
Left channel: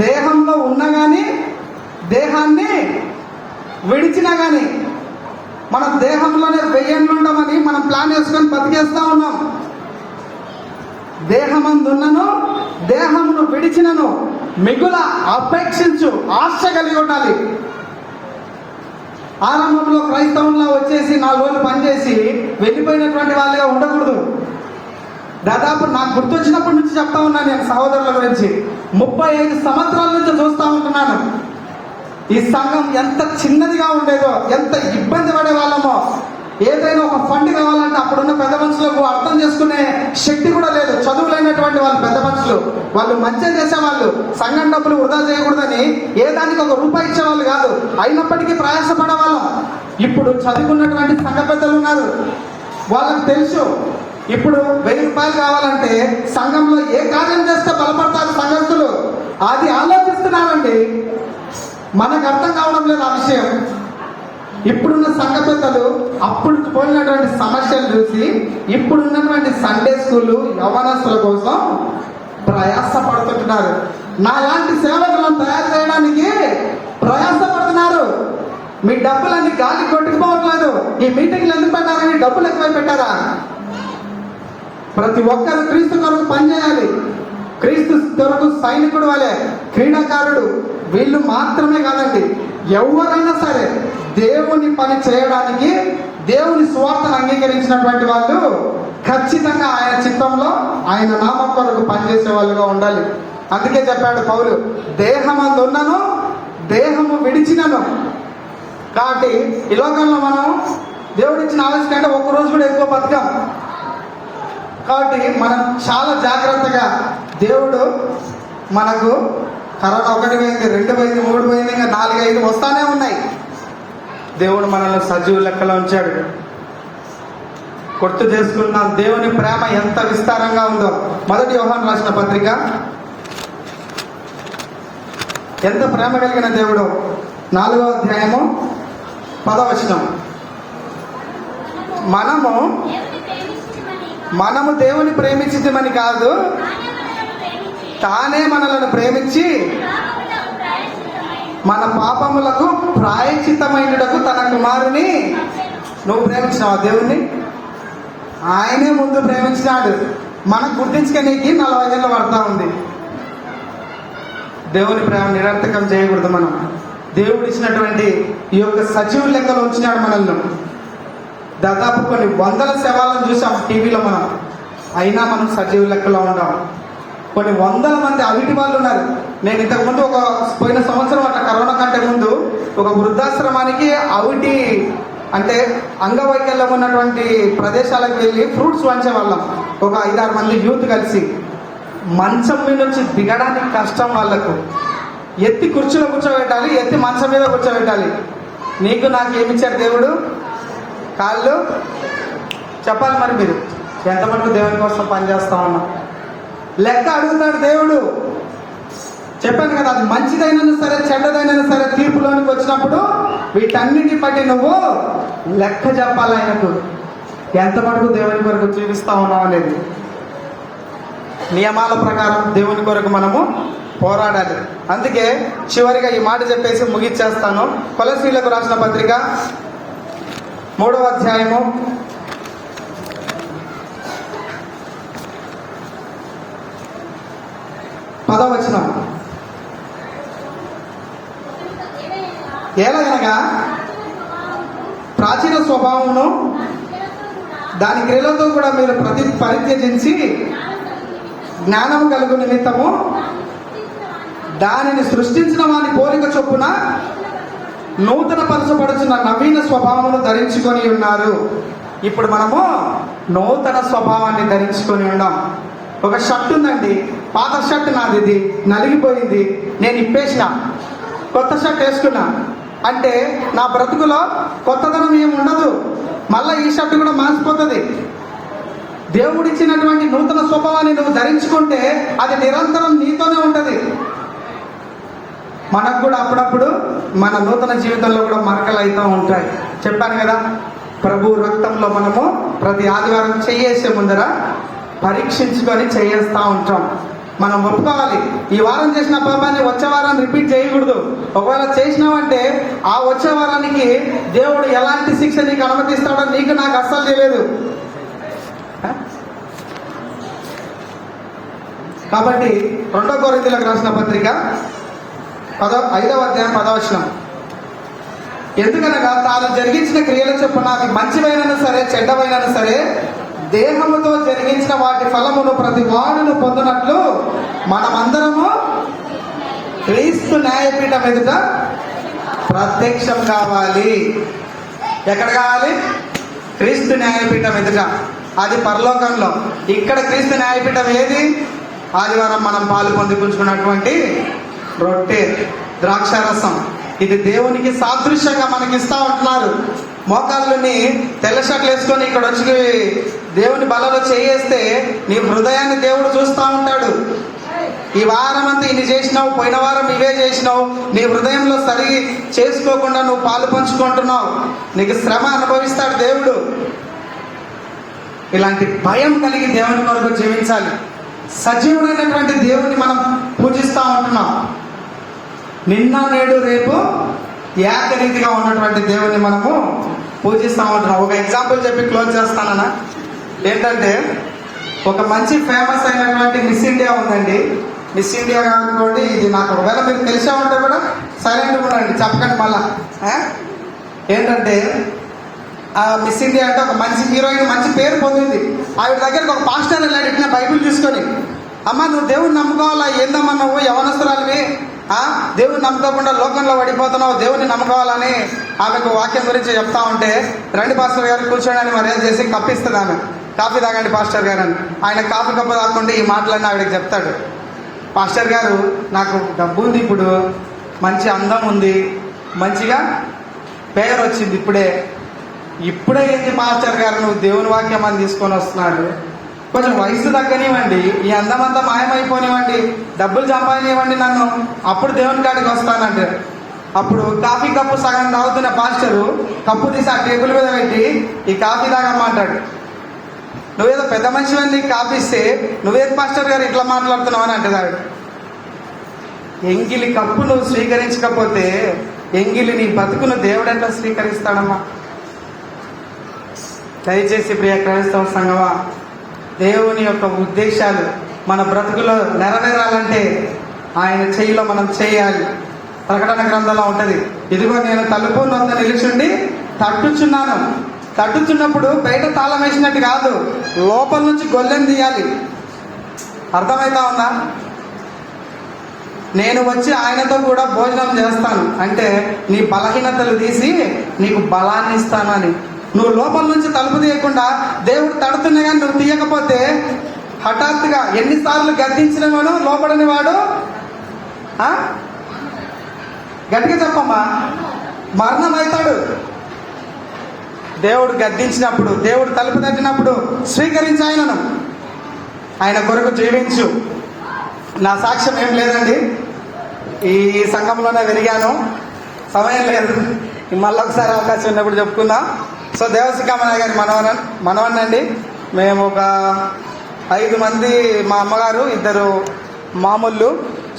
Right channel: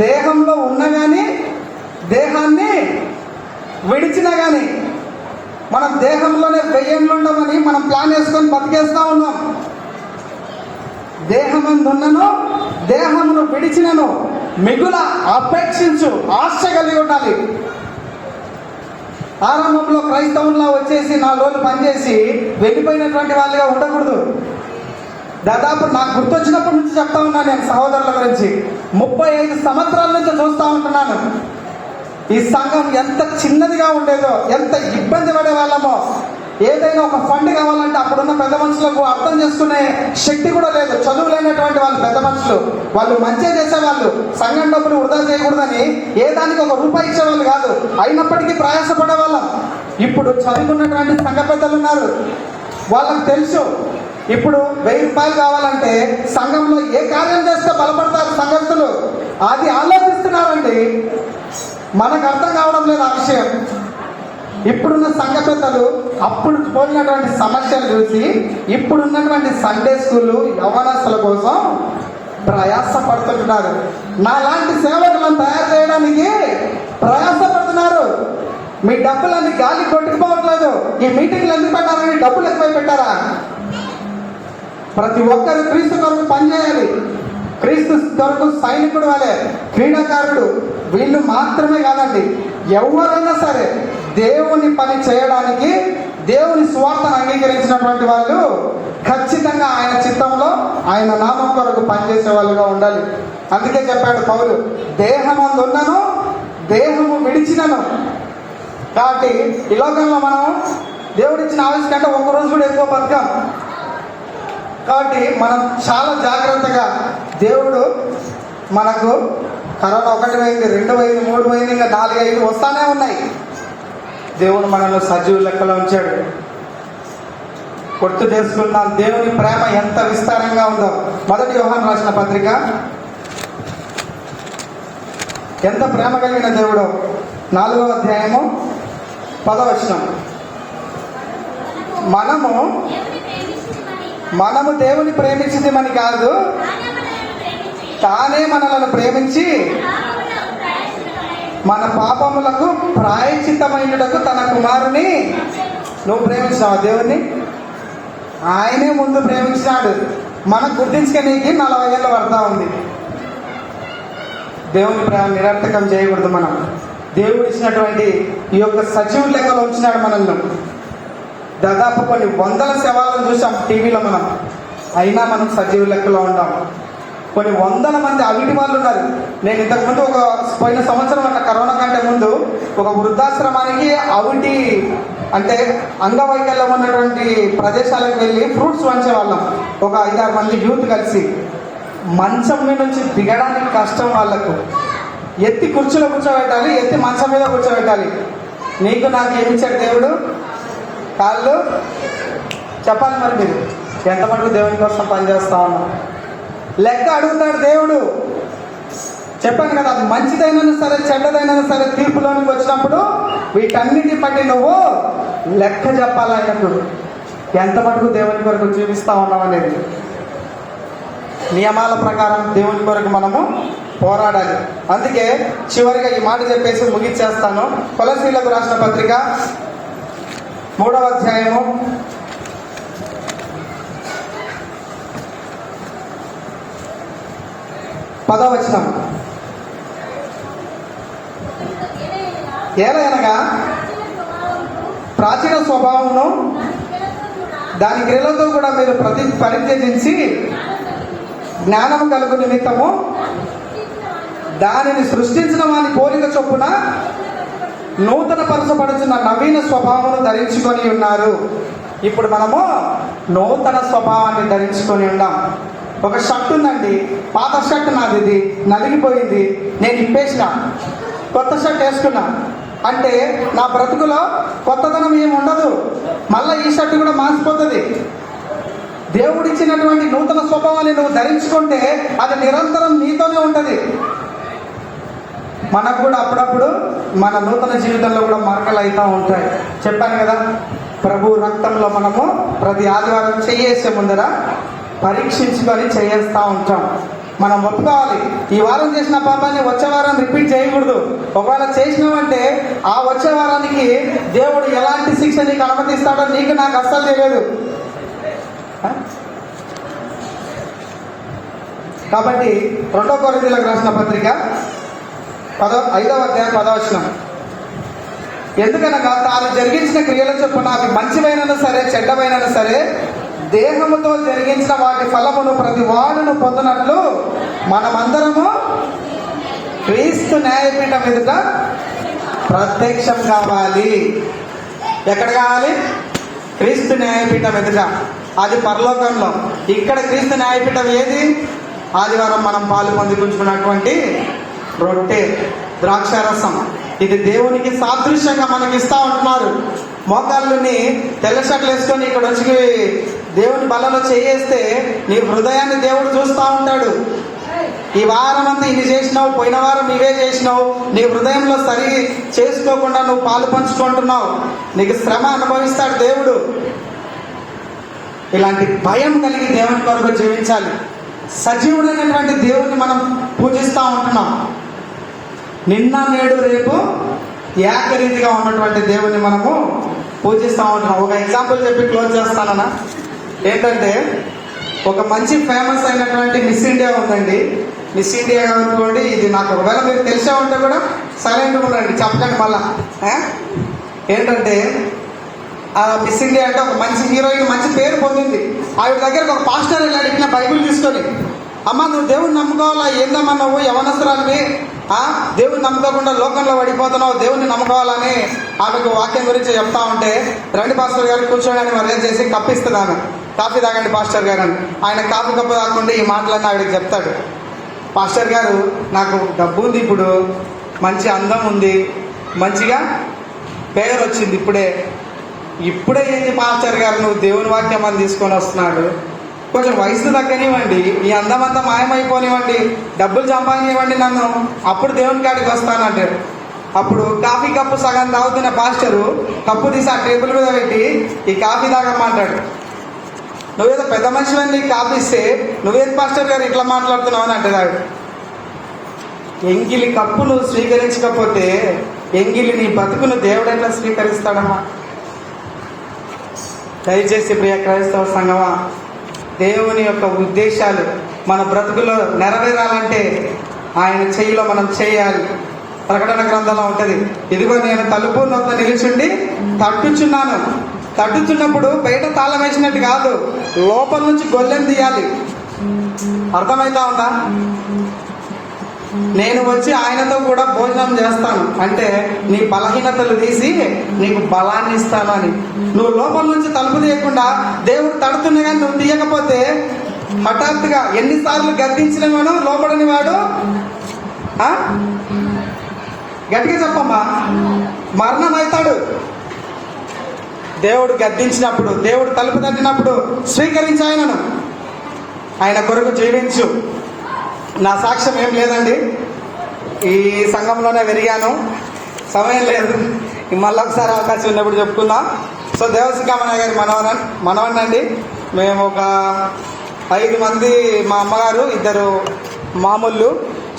దేహంలో ఉన్న గాని దేహాన్ని విడిచినా గాని మనం దేహంలోనే వెయ్యేళ్ళు ఉండమని మనం ప్లాన్ చేసుకొని బతికేస్తా ఉన్నాం. దేహమందున్నను దేహమును విడిచినను మిగుల అపేక్షించు, ఆశ కలిగి ఉండాలి. ఆరంభంలో క్రైస్తవంలో వచ్చేసి 4 రోజులు పనిచేసి వెళ్ళిపోయినటువంటి వాళ్ళగా ఉండకూడదు. దాదాపు నాకు గుర్తొచ్చినప్పటి నుంచి చెప్తా ఉన్నాను నేను సహోదరుల గురించి. 35 సంవత్సరాల నుంచి చూస్తా ఉంటున్నాను ఈ సంఘం ఎంత చిన్నదిగా ఉండేదో, ఎంత ఇబ్బంది పడే వాళ్ళమో. ఏదైనా ఒక ఫండ్ కావాలంటే అప్పుడున్న పెద్ద మనుషులకు అర్థం చేసుకునే శక్తి కూడా లేదు. చదువు లేనటువంటి వాళ్ళు పెద్ద మనుషులు, వాళ్ళు మంచిగా చేసేవాళ్ళు. సంఘం డబ్బులు వృధా చేయకూడదని ఏ దానికి ఒక రూపాయి ఇచ్చేవాళ్ళు కాదు. అయినప్పటికీ ప్రయాసపడేవాళ్ళం. ఇప్పుడు చదువుకున్నటువంటి సంఘ పెద్దలు ఉన్నారు, వాళ్ళకి తెలుసు ఇప్పుడు 1000 రూపాయలు కావాలంటే సంఘంలో ఏ కార్యం చేస్తే బలపడతారు సంఘస్థులు, అది ఆలోచిస్తున్నారండి. మనకు అర్థం కావడం లేదు ఆ విషయం. ఇప్పుడున్న సంఘ పెద్దలు అప్పుడు పోయినటువంటి సమస్యలు చూసి ఇప్పుడున్నటువంటి సండే స్కూళ్ళు యవ్వనస్తుల కోసం ప్రయాసపడుతుంటున్నారు. నాలాంటి సేవకులను తయారు చేయడానికి ప్రయాసపడుతున్నారు. మీ డబ్బులన్నీ గాలి కొట్టుకుపోవట్లేదు. ఈ మీటింగ్లు ఎందుకు పెట్టారని డబ్బులు ఎక్కువ పెట్టారా? ప్రతి ఒక్కరు క్రీస్తు కొరకు పనిచేయాలి. క్రీస్తు కొరకు సైనికుడు వలె, క్రీడాకారుడు వీళ్ళు మాత్రమే కాదండి, ఎవరైనా సరే దేవుని పని చేయడానికి, దేవుని స్వార్థను అంగీకరించినటువంటి వాళ్ళు ఖచ్చితంగా ఆయన చిత్తంలో ఆయన నామం కొరకు పనిచేసే వాళ్ళుగా ఉండాలి. అందుకే చెప్పాడు పౌలు, దేహమందున్నను దేహము విడిచినను. కాబట్టి ఈ లోకంలో మనం దేవుడిచ్చిన ఆయుష్ కంటే ఒక్క రోజు కూడా ఎక్కువ బతకం. కాబట్టి మనం చాలా జాగ్రత్తగా, దేవుడు మనకు కరోనా 1 అయింది, 2 అయింది, 3 అయింది, ఇంకా 4, 5 వస్తానే ఉన్నాయి. దేవుడు మనల్ని సజీవ లెక్కలో ఉంచాడు. గుర్తు చేసుకున్నాం దేవుని ప్రేమ ఎంత విస్తారంగా ఉందో. 1 యోహాను రాసిన పత్రిక. ఎంత ప్రేమ కలిగిన దేవుడు. 4వ అధ్యాయము 10వ వచనం. మనము దేవుని ప్రేమించమని కాదు, తానే మనలను ప్రేమించి మన పాపములకు ప్రాయశ్చిత్తమైనటకు తన కుమారుని. నువ్వు ప్రేమించావు దేవుణ్ణి? ఆయనే ముందు ప్రేమించాడు. మనం గుర్తించుకోనికి 40 ఏళ్ళు పడతా ఉంది. దేవుని ప్రేమ నిరర్థకం చేయకూడదు. మనం దేవుడు ఇచ్చినటువంటి ఈ యొక్క సజీవ లెక్కలో ఉంచినాడు మనల్ని. దాదాపు కొన్ని 100 శవాలను చూసాం టీవీలో మనం, అయినా మనం సజీవ లెక్కలో ఉన్నాం. కొన్ని 100 మంది అవిటి వాళ్ళు ఉన్నారు. నేను ఇంతకుముందు పోయిన సంవత్సరం అట్లా కరోనా కంటే ముందు ఒక వృద్ధాశ్రమానికి అవిటి అంటే అంగవైకల్యం ఉన్నటువంటి ప్రదేశాలకు వెళ్ళి ఫ్రూట్స్ వంచేవాళ్ళం. ఒక 5-6 మంది యూత్ కలిసి. మంచం మీద నుంచి దిగడానికి కష్టం వాళ్ళకు. ఎత్తి కుర్చీలో కూర్చోబెట్టాలి, ఎత్తి మంచం మీద కూర్చోబెట్టాలి. నీకు నాకు ఏమిచ్చాడు దేవుడు? కాళ్ళు. చెప్పాలి మరి మీరు ఎంతమంది దేవుని కోసం పనిచేస్తా ఉన్నాం? లెక్క అడుగుతాడు దేవుడు. చెప్పాను కదా, అది మంచిదైనా సరే చెడ్డదైనా సరే తీర్పులోనికి వచ్చినప్పుడు వీటన్నిటి బట్టి నువ్వు లెక్క చెప్పాలి ఆయనకు. ఎంత మటుకు దేవుని కొరకు జీవిస్తా ఉన్నావు అనేది. నియమాల ప్రకారం దేవుని కొరకు మనము పోరాడాలి. అందుకే చివరిగా ఈ మాట చెప్పేసి ముగించేస్తాను. కొలస్సీలకు రాసిన పత్రిక 3వ అధ్యాయము 10వ వచనం. ఏలయనగా ప్రాచీన స్వభావమును దాని క్రియలతో కూడా మీరు పరిత్యజించి జ్ఞానము కలుగు నిమిత్తము దానిని సృష్టించిన వాని పోలిక చొప్పున నూతన పరచబడుచున్న నవీన స్వభావమును ధరించుకొని ఉన్నారు. ఇప్పుడు మనము నూతన స్వభావాన్ని ధరించుకొని ఉన్నాం. ఒక షర్ట్ ఉందండి, పాత షర్ట్ నాది, ఇది నలిగిపోయింది, నేను ఇప్పేసిన, కొత్త షర్ట్ వేసుకున్నా అంటే నా బ్రతుకులో కొత్తదనం ఏమి ఉండదు. మళ్ళీ ఈ షర్ట్ కూడా మాసిపోతుంది. దేవుడిచ్చినటువంటి నూతన స్వభావాన్ని నువ్వు ధరించుకుంటే అది నిరంతరం నీతోనే ఉంటది. మనకు కూడా అప్పుడప్పుడు మన నూతన జీవితంలో కూడా మరకలు అవుతూ ఉంటాయి. చెప్పాను కదా, ప్రభు రక్తంలో మనము ప్రతి ఆదివారం చేసే ముందర పరీక్షించుకొని చేస్తూ ఉంటాం. మనం ఒప్పుకోవాలి, ఈ వారం చేసిన పాపాన్ని వచ్చే వారం రిపీట్ చేయకూడదు. ఒకవేళ చేసినావంటే ఆ వచ్చే వారానికి దేవుడు ఎలాంటి శిక్ష నీకు అనుమతిస్తాడో నీకు నాకు అస్సలు తెలియదు. కాబట్టి 2 కొరింథీయులకు రాసిన పత్రిక 5వ అధ్యాయం 10వ వచనం, ఎందుకనగా తాను జరిగించిన క్రియల చొప్పున అవి మంచివైనను సరే చెడ్డవైనను సరే దేహముతో జరిగించిన వాటి ఫలమును ప్రతి వాడును పొందినట్లు మనమందరము క్రీస్తు న్యాయపీఠం ఎదుట ప్రత్యక్షం కావాలి. ఎక్కడ కావాలి? క్రీస్తు న్యాయపీఠం ఎదుట. అది పరలోకంలో. ఇక్కడ క్రీస్తు న్యాయపీఠం ఏది? ఆదివారం మనం పాలు పొందుకుంటున్నటువంటి రొట్టె, ద్రాక్షారసం. ఇది దేవునికి సాదృశ్యంగా మనకి ఇస్తా ఉంటున్నారు. మోకాళ్ళని తెల్ల షర్ట్లు వేసుకొని ఇక్కడ వచ్చి దేవుని బలలో చేయేస్తే నీ హృదయాన్ని దేవుడు చూస్తూ ఉంటాడు. ఈ వారం అంతా ఇన్ని చేసినావు, పోయిన వారం ఇవే చేసినావు, నీ హృదయంలో సరి చేసుకోకుండా నువ్వు పాలు పంచుకుంటున్నావు, నీకు శ్రమ అనుభవిస్తాడు దేవుడు. ఇలాంటి భయం కలిగి దేవుని కొరకు జీవించాలి. సజీవుడైనటువంటి దేవుని మనం పూజిస్తూ ఉంటున్నాం. నిన్న నేడు రేపు ఏకరీతిగా ఉన్నటువంటి దేవుని మనము పూజిస్తూ ఉంటున్నాం. ఒక ఎగ్జాంపుల్ చెప్పి క్లోజ్ చేస్తానన్నా. ఏంటంటే, ఒక మంచి ఫేమస్ అయినటువంటి మిస్ ఇండియా ఉందండి. మిస్ ఇండియా అనుకోండి, ఇది నాకు ఒకవేళ మీరు తెలిసే ఉంటే కూడా సైలెంట్ కూడా అండి, చెప్పకండి మళ్ళా. ఏంటంటే, మిస్ ఇండియా అంటే ఒక మంచి హీరోయిన్, మంచి పేరు పొందింది. ఆవిడ దగ్గరకు ఒక పాస్టర్ వెళ్ళాడు ఇట్లా బైబిల్ తీసుకొని, అమ్మ నువ్వు దేవుడిని నమ్ముకోవాలా, ఏందమ్మా నువ్వు యవనస్తురాలివి, దేవుని నమ్ముకోకుండా లోకంలో పడిపోతున్నావు, దేవుని నమ్ముకోవాలని ఆమెకు వాక్యం గురించి చెప్తా ఉంటే, రండి పాస్టర్ గారు కూర్చోడానికి మర్యాద చేసి కప్పిస్తుంది ఆమె. కాఫీ తాగండి పాస్టర్ గారు అని. ఆయన కాఫీ కప్ప తాకుంటే ఈ మాటలన్నీ ఆవిడకి చెప్తాడు. పాస్టర్ గారు, నాకు డబ్బు ఉంది, ఇప్పుడు మంచి అందం ఉంది, మంచిగా పేరు వచ్చింది, ఇప్పుడే ఏంటి పాస్టర్ గారు నువ్వు దేవుని వాక్యం అని తీసుకొని వస్తున్నాడు, కొంచెం వయసు తగ్గనివ్వండి, ఈ అందం అంతా మాయమైపోనివ్వండి, డబ్బులు సంపాదనివ్వండి నన్ను, అప్పుడు దేవుని కాడికి వస్తానంటే. అప్పుడు కాఫీ కప్పు సగం తాగుతున్న పాస్టరు కప్పు తీసి ఆ టేబుల్ మీద పెట్టి ఈ కాఫీ తాగమ్మంటాడు. నువ్వేదో పెద్ద మనిషి అని కాఫీ ఇస్తే నువ్వేది పాస్టర్ గారు ఇట్లా మాట్లాడుతున్నావు అని అంటాడు. ఎంగిలి కప్పు నువ్వు స్వీకరించకపోతే ఎంగిలి నీ బతుకును దేవుడు ఎట్లా స్వీకరిస్తాడమ్మా? దయచేసి ప్రియ క్రైస్తవ సంఘమా, దేవుని యొక్క ఉద్దేశాలు మన బ్రతుకులో నెరవేరాలంటే ఆయన చెయ్యిలో మనం చేయాలి. ప్రకటన గ్రంథంలో ఉంటది, ఇదిగో నేను తలుపు నొద్ద నిలుచుండి తట్టుచున్నాను. తట్టుచున్నప్పుడు బయట తాళం వేసినట్టు కాదు, లోపల నుంచి గొల్లెం తీయాలి. అర్థమైతా ఉందా? నేను వచ్చి ఆయనతో కూడా భోజనం చేస్తాను అంటే నీ బలహీనతలు తీసి నీకు బలాన్ని ఇస్తానని. నువ్వు లోపల నుంచి తలుపు తీయకుండా దేవుడు తడుతున్నాయా నువ్వు తీయకపోతే హఠాత్తుగా ఎన్నిసార్లు గద్దించినవాడు లోపడని వాడు గట్టిగా చెప్పమ్మా మరణం అవుతాడు. దేవుడు గద్దించినప్పుడు, దేవుడు తలుపు తట్టినప్పుడు స్వీకరించి ఆయనను, ఆయన కొరకు జీవించు. నా సాక్ష్యం ఏం లేదండి, ఈ సంఘంలోనే పెరిగాను, సమయం లేదు, మళ్ళీ ఒకసారి అవకాశం ఉన్నప్పుడు చెప్పుకుందాం. సో దేవశిఖామణ గారి మనవన్నండి. మేము ఒక 5 మంది, మా అమ్మగారు 2 మామూళ్ళు.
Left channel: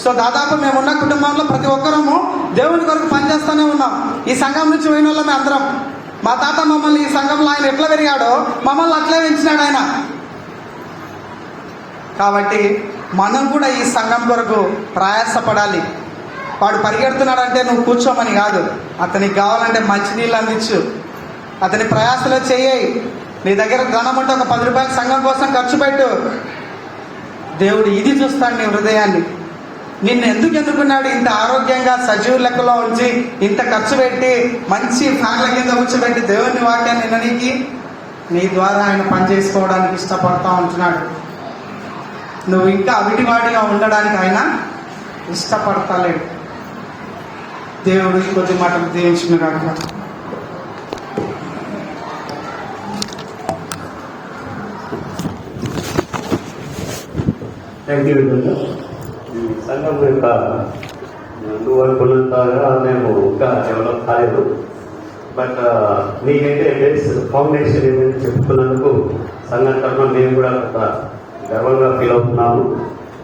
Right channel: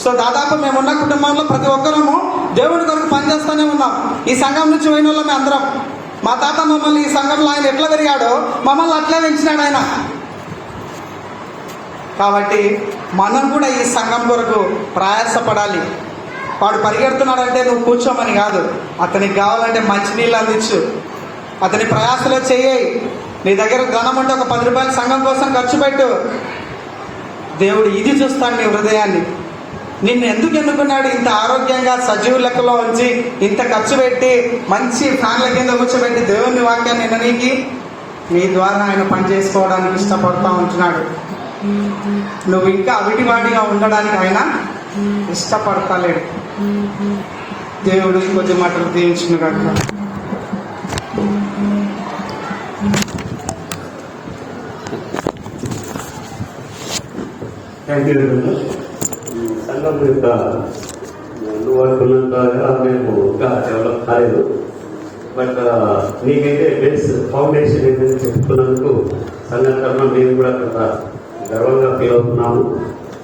సో దాదాపు మేమున్న కుటుంబంలో ప్రతి ఒక్కరము దేవుని కొరకు పనిచేస్తూనే ఉన్నాం. ఈ సంఘం నుంచి పోయిన వాళ్ళమే అందరం. మా తాత మమ్మల్ని ఈ సంఘంలో ఆయన ఎట్లా పెరిగాడో మమ్మల్ని అట్లే పెంచినాడు ఆయన. కాబట్టి మనం కూడా ఈ సంఘం కొరకు ప్రయాసపడాలి. వాడు పరిగెడుతున్నాడంటే నువ్వు కూర్చోమని కాదు, అతనికి కావాలంటే మంచినీళ్ళు అందించు, అతని ప్రయాసలో చెయ్యి. నీ దగ్గర ధనం ఉంటే ఒక 10 రూపాయలు సంఘం కోసం ఖర్చు పెట్టు. దేవుడు ఇది చూస్తాడు, నీ హృదయాన్ని. నిన్ను ఎందుకు ఎన్నుకున్నాడు? ఇంత ఆరోగ్యంగా సజీవు లెక్కలో ఉంచి ఇంత ఖర్చు పెట్టి మంచి ఫ్యాన్ల కింద కూర్చోబెట్టి దేవుని వాక్యాన్ని విననీకి, నీ ద్వారా ఆయన పని చేసుకోవడానికి ఇష్టపడతా ఉంటున్నాడు. నువ్వు ఇంకా అవిటివాటిగా ఉండడానికి ఆయన ఇష్టపడతలేడు. దేవుడు కొద్ది మాటలు దీవించిన థ్యాంక్ యూ విధంగా ఈ సంఘం యొక్క నువ్వు అనుకున్నంతగా మేము ఇంకా డెవలప్ కాలేదు. బట్ మీకైతే బేస్ ఫౌండేషన్ ఏదైతే చెప్తున్నందుకు సంఘం తరఫున మేము కూడా కొంత గర్వంగా ఫీల్ అవుతున్నాము.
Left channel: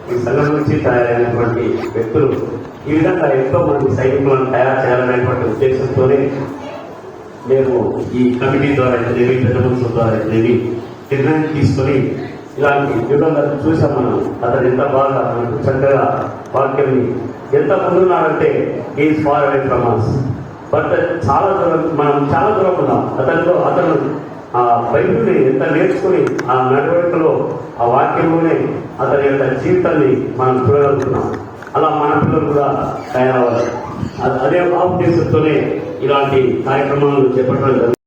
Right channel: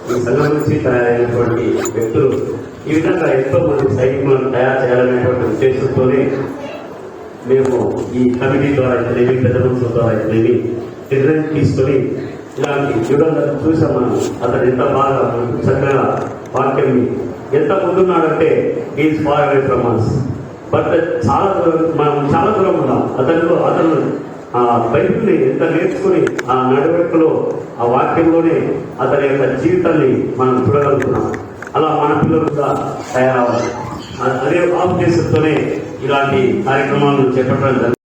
ఈ సంఘం నుంచి తయారైనటువంటి వ్యక్తులు ఈ విధంగా ఎంతో మంది సైనికులను తయారు చేయాలనేటువంటి ఉద్దేశంతోనే మేము ఈ కమిటీ ద్వారా అయితేనేమి పెద్దమనుషుల ద్వారా అయితేనేమి నిర్ణయం తీసుకొని ఇలాంటి విధంగా చూసాం. మనం అతను ఎంత బాగా మనకు చక్కగా వాక్యం ఎంత ముందున్నాడంటే is far away from us. But చాలా దూరం మనం చాలా దూరం ఉన్నాం. అతను ఆ బైబిల్ని ఎంత నేర్చుకుని ఆ నడవడికలో ఆ వాక్యంలోనే అతని యొక్క జీవితాన్ని మనం చూడగలుగుతున్నాం. అలా మన పిల్లలు కూడా తయారవ్వాలి. అదే ఉద్దేశంతోనే ఇలాంటి కార్యక్రమాలను చేపట్టడం జరుగుతుంది.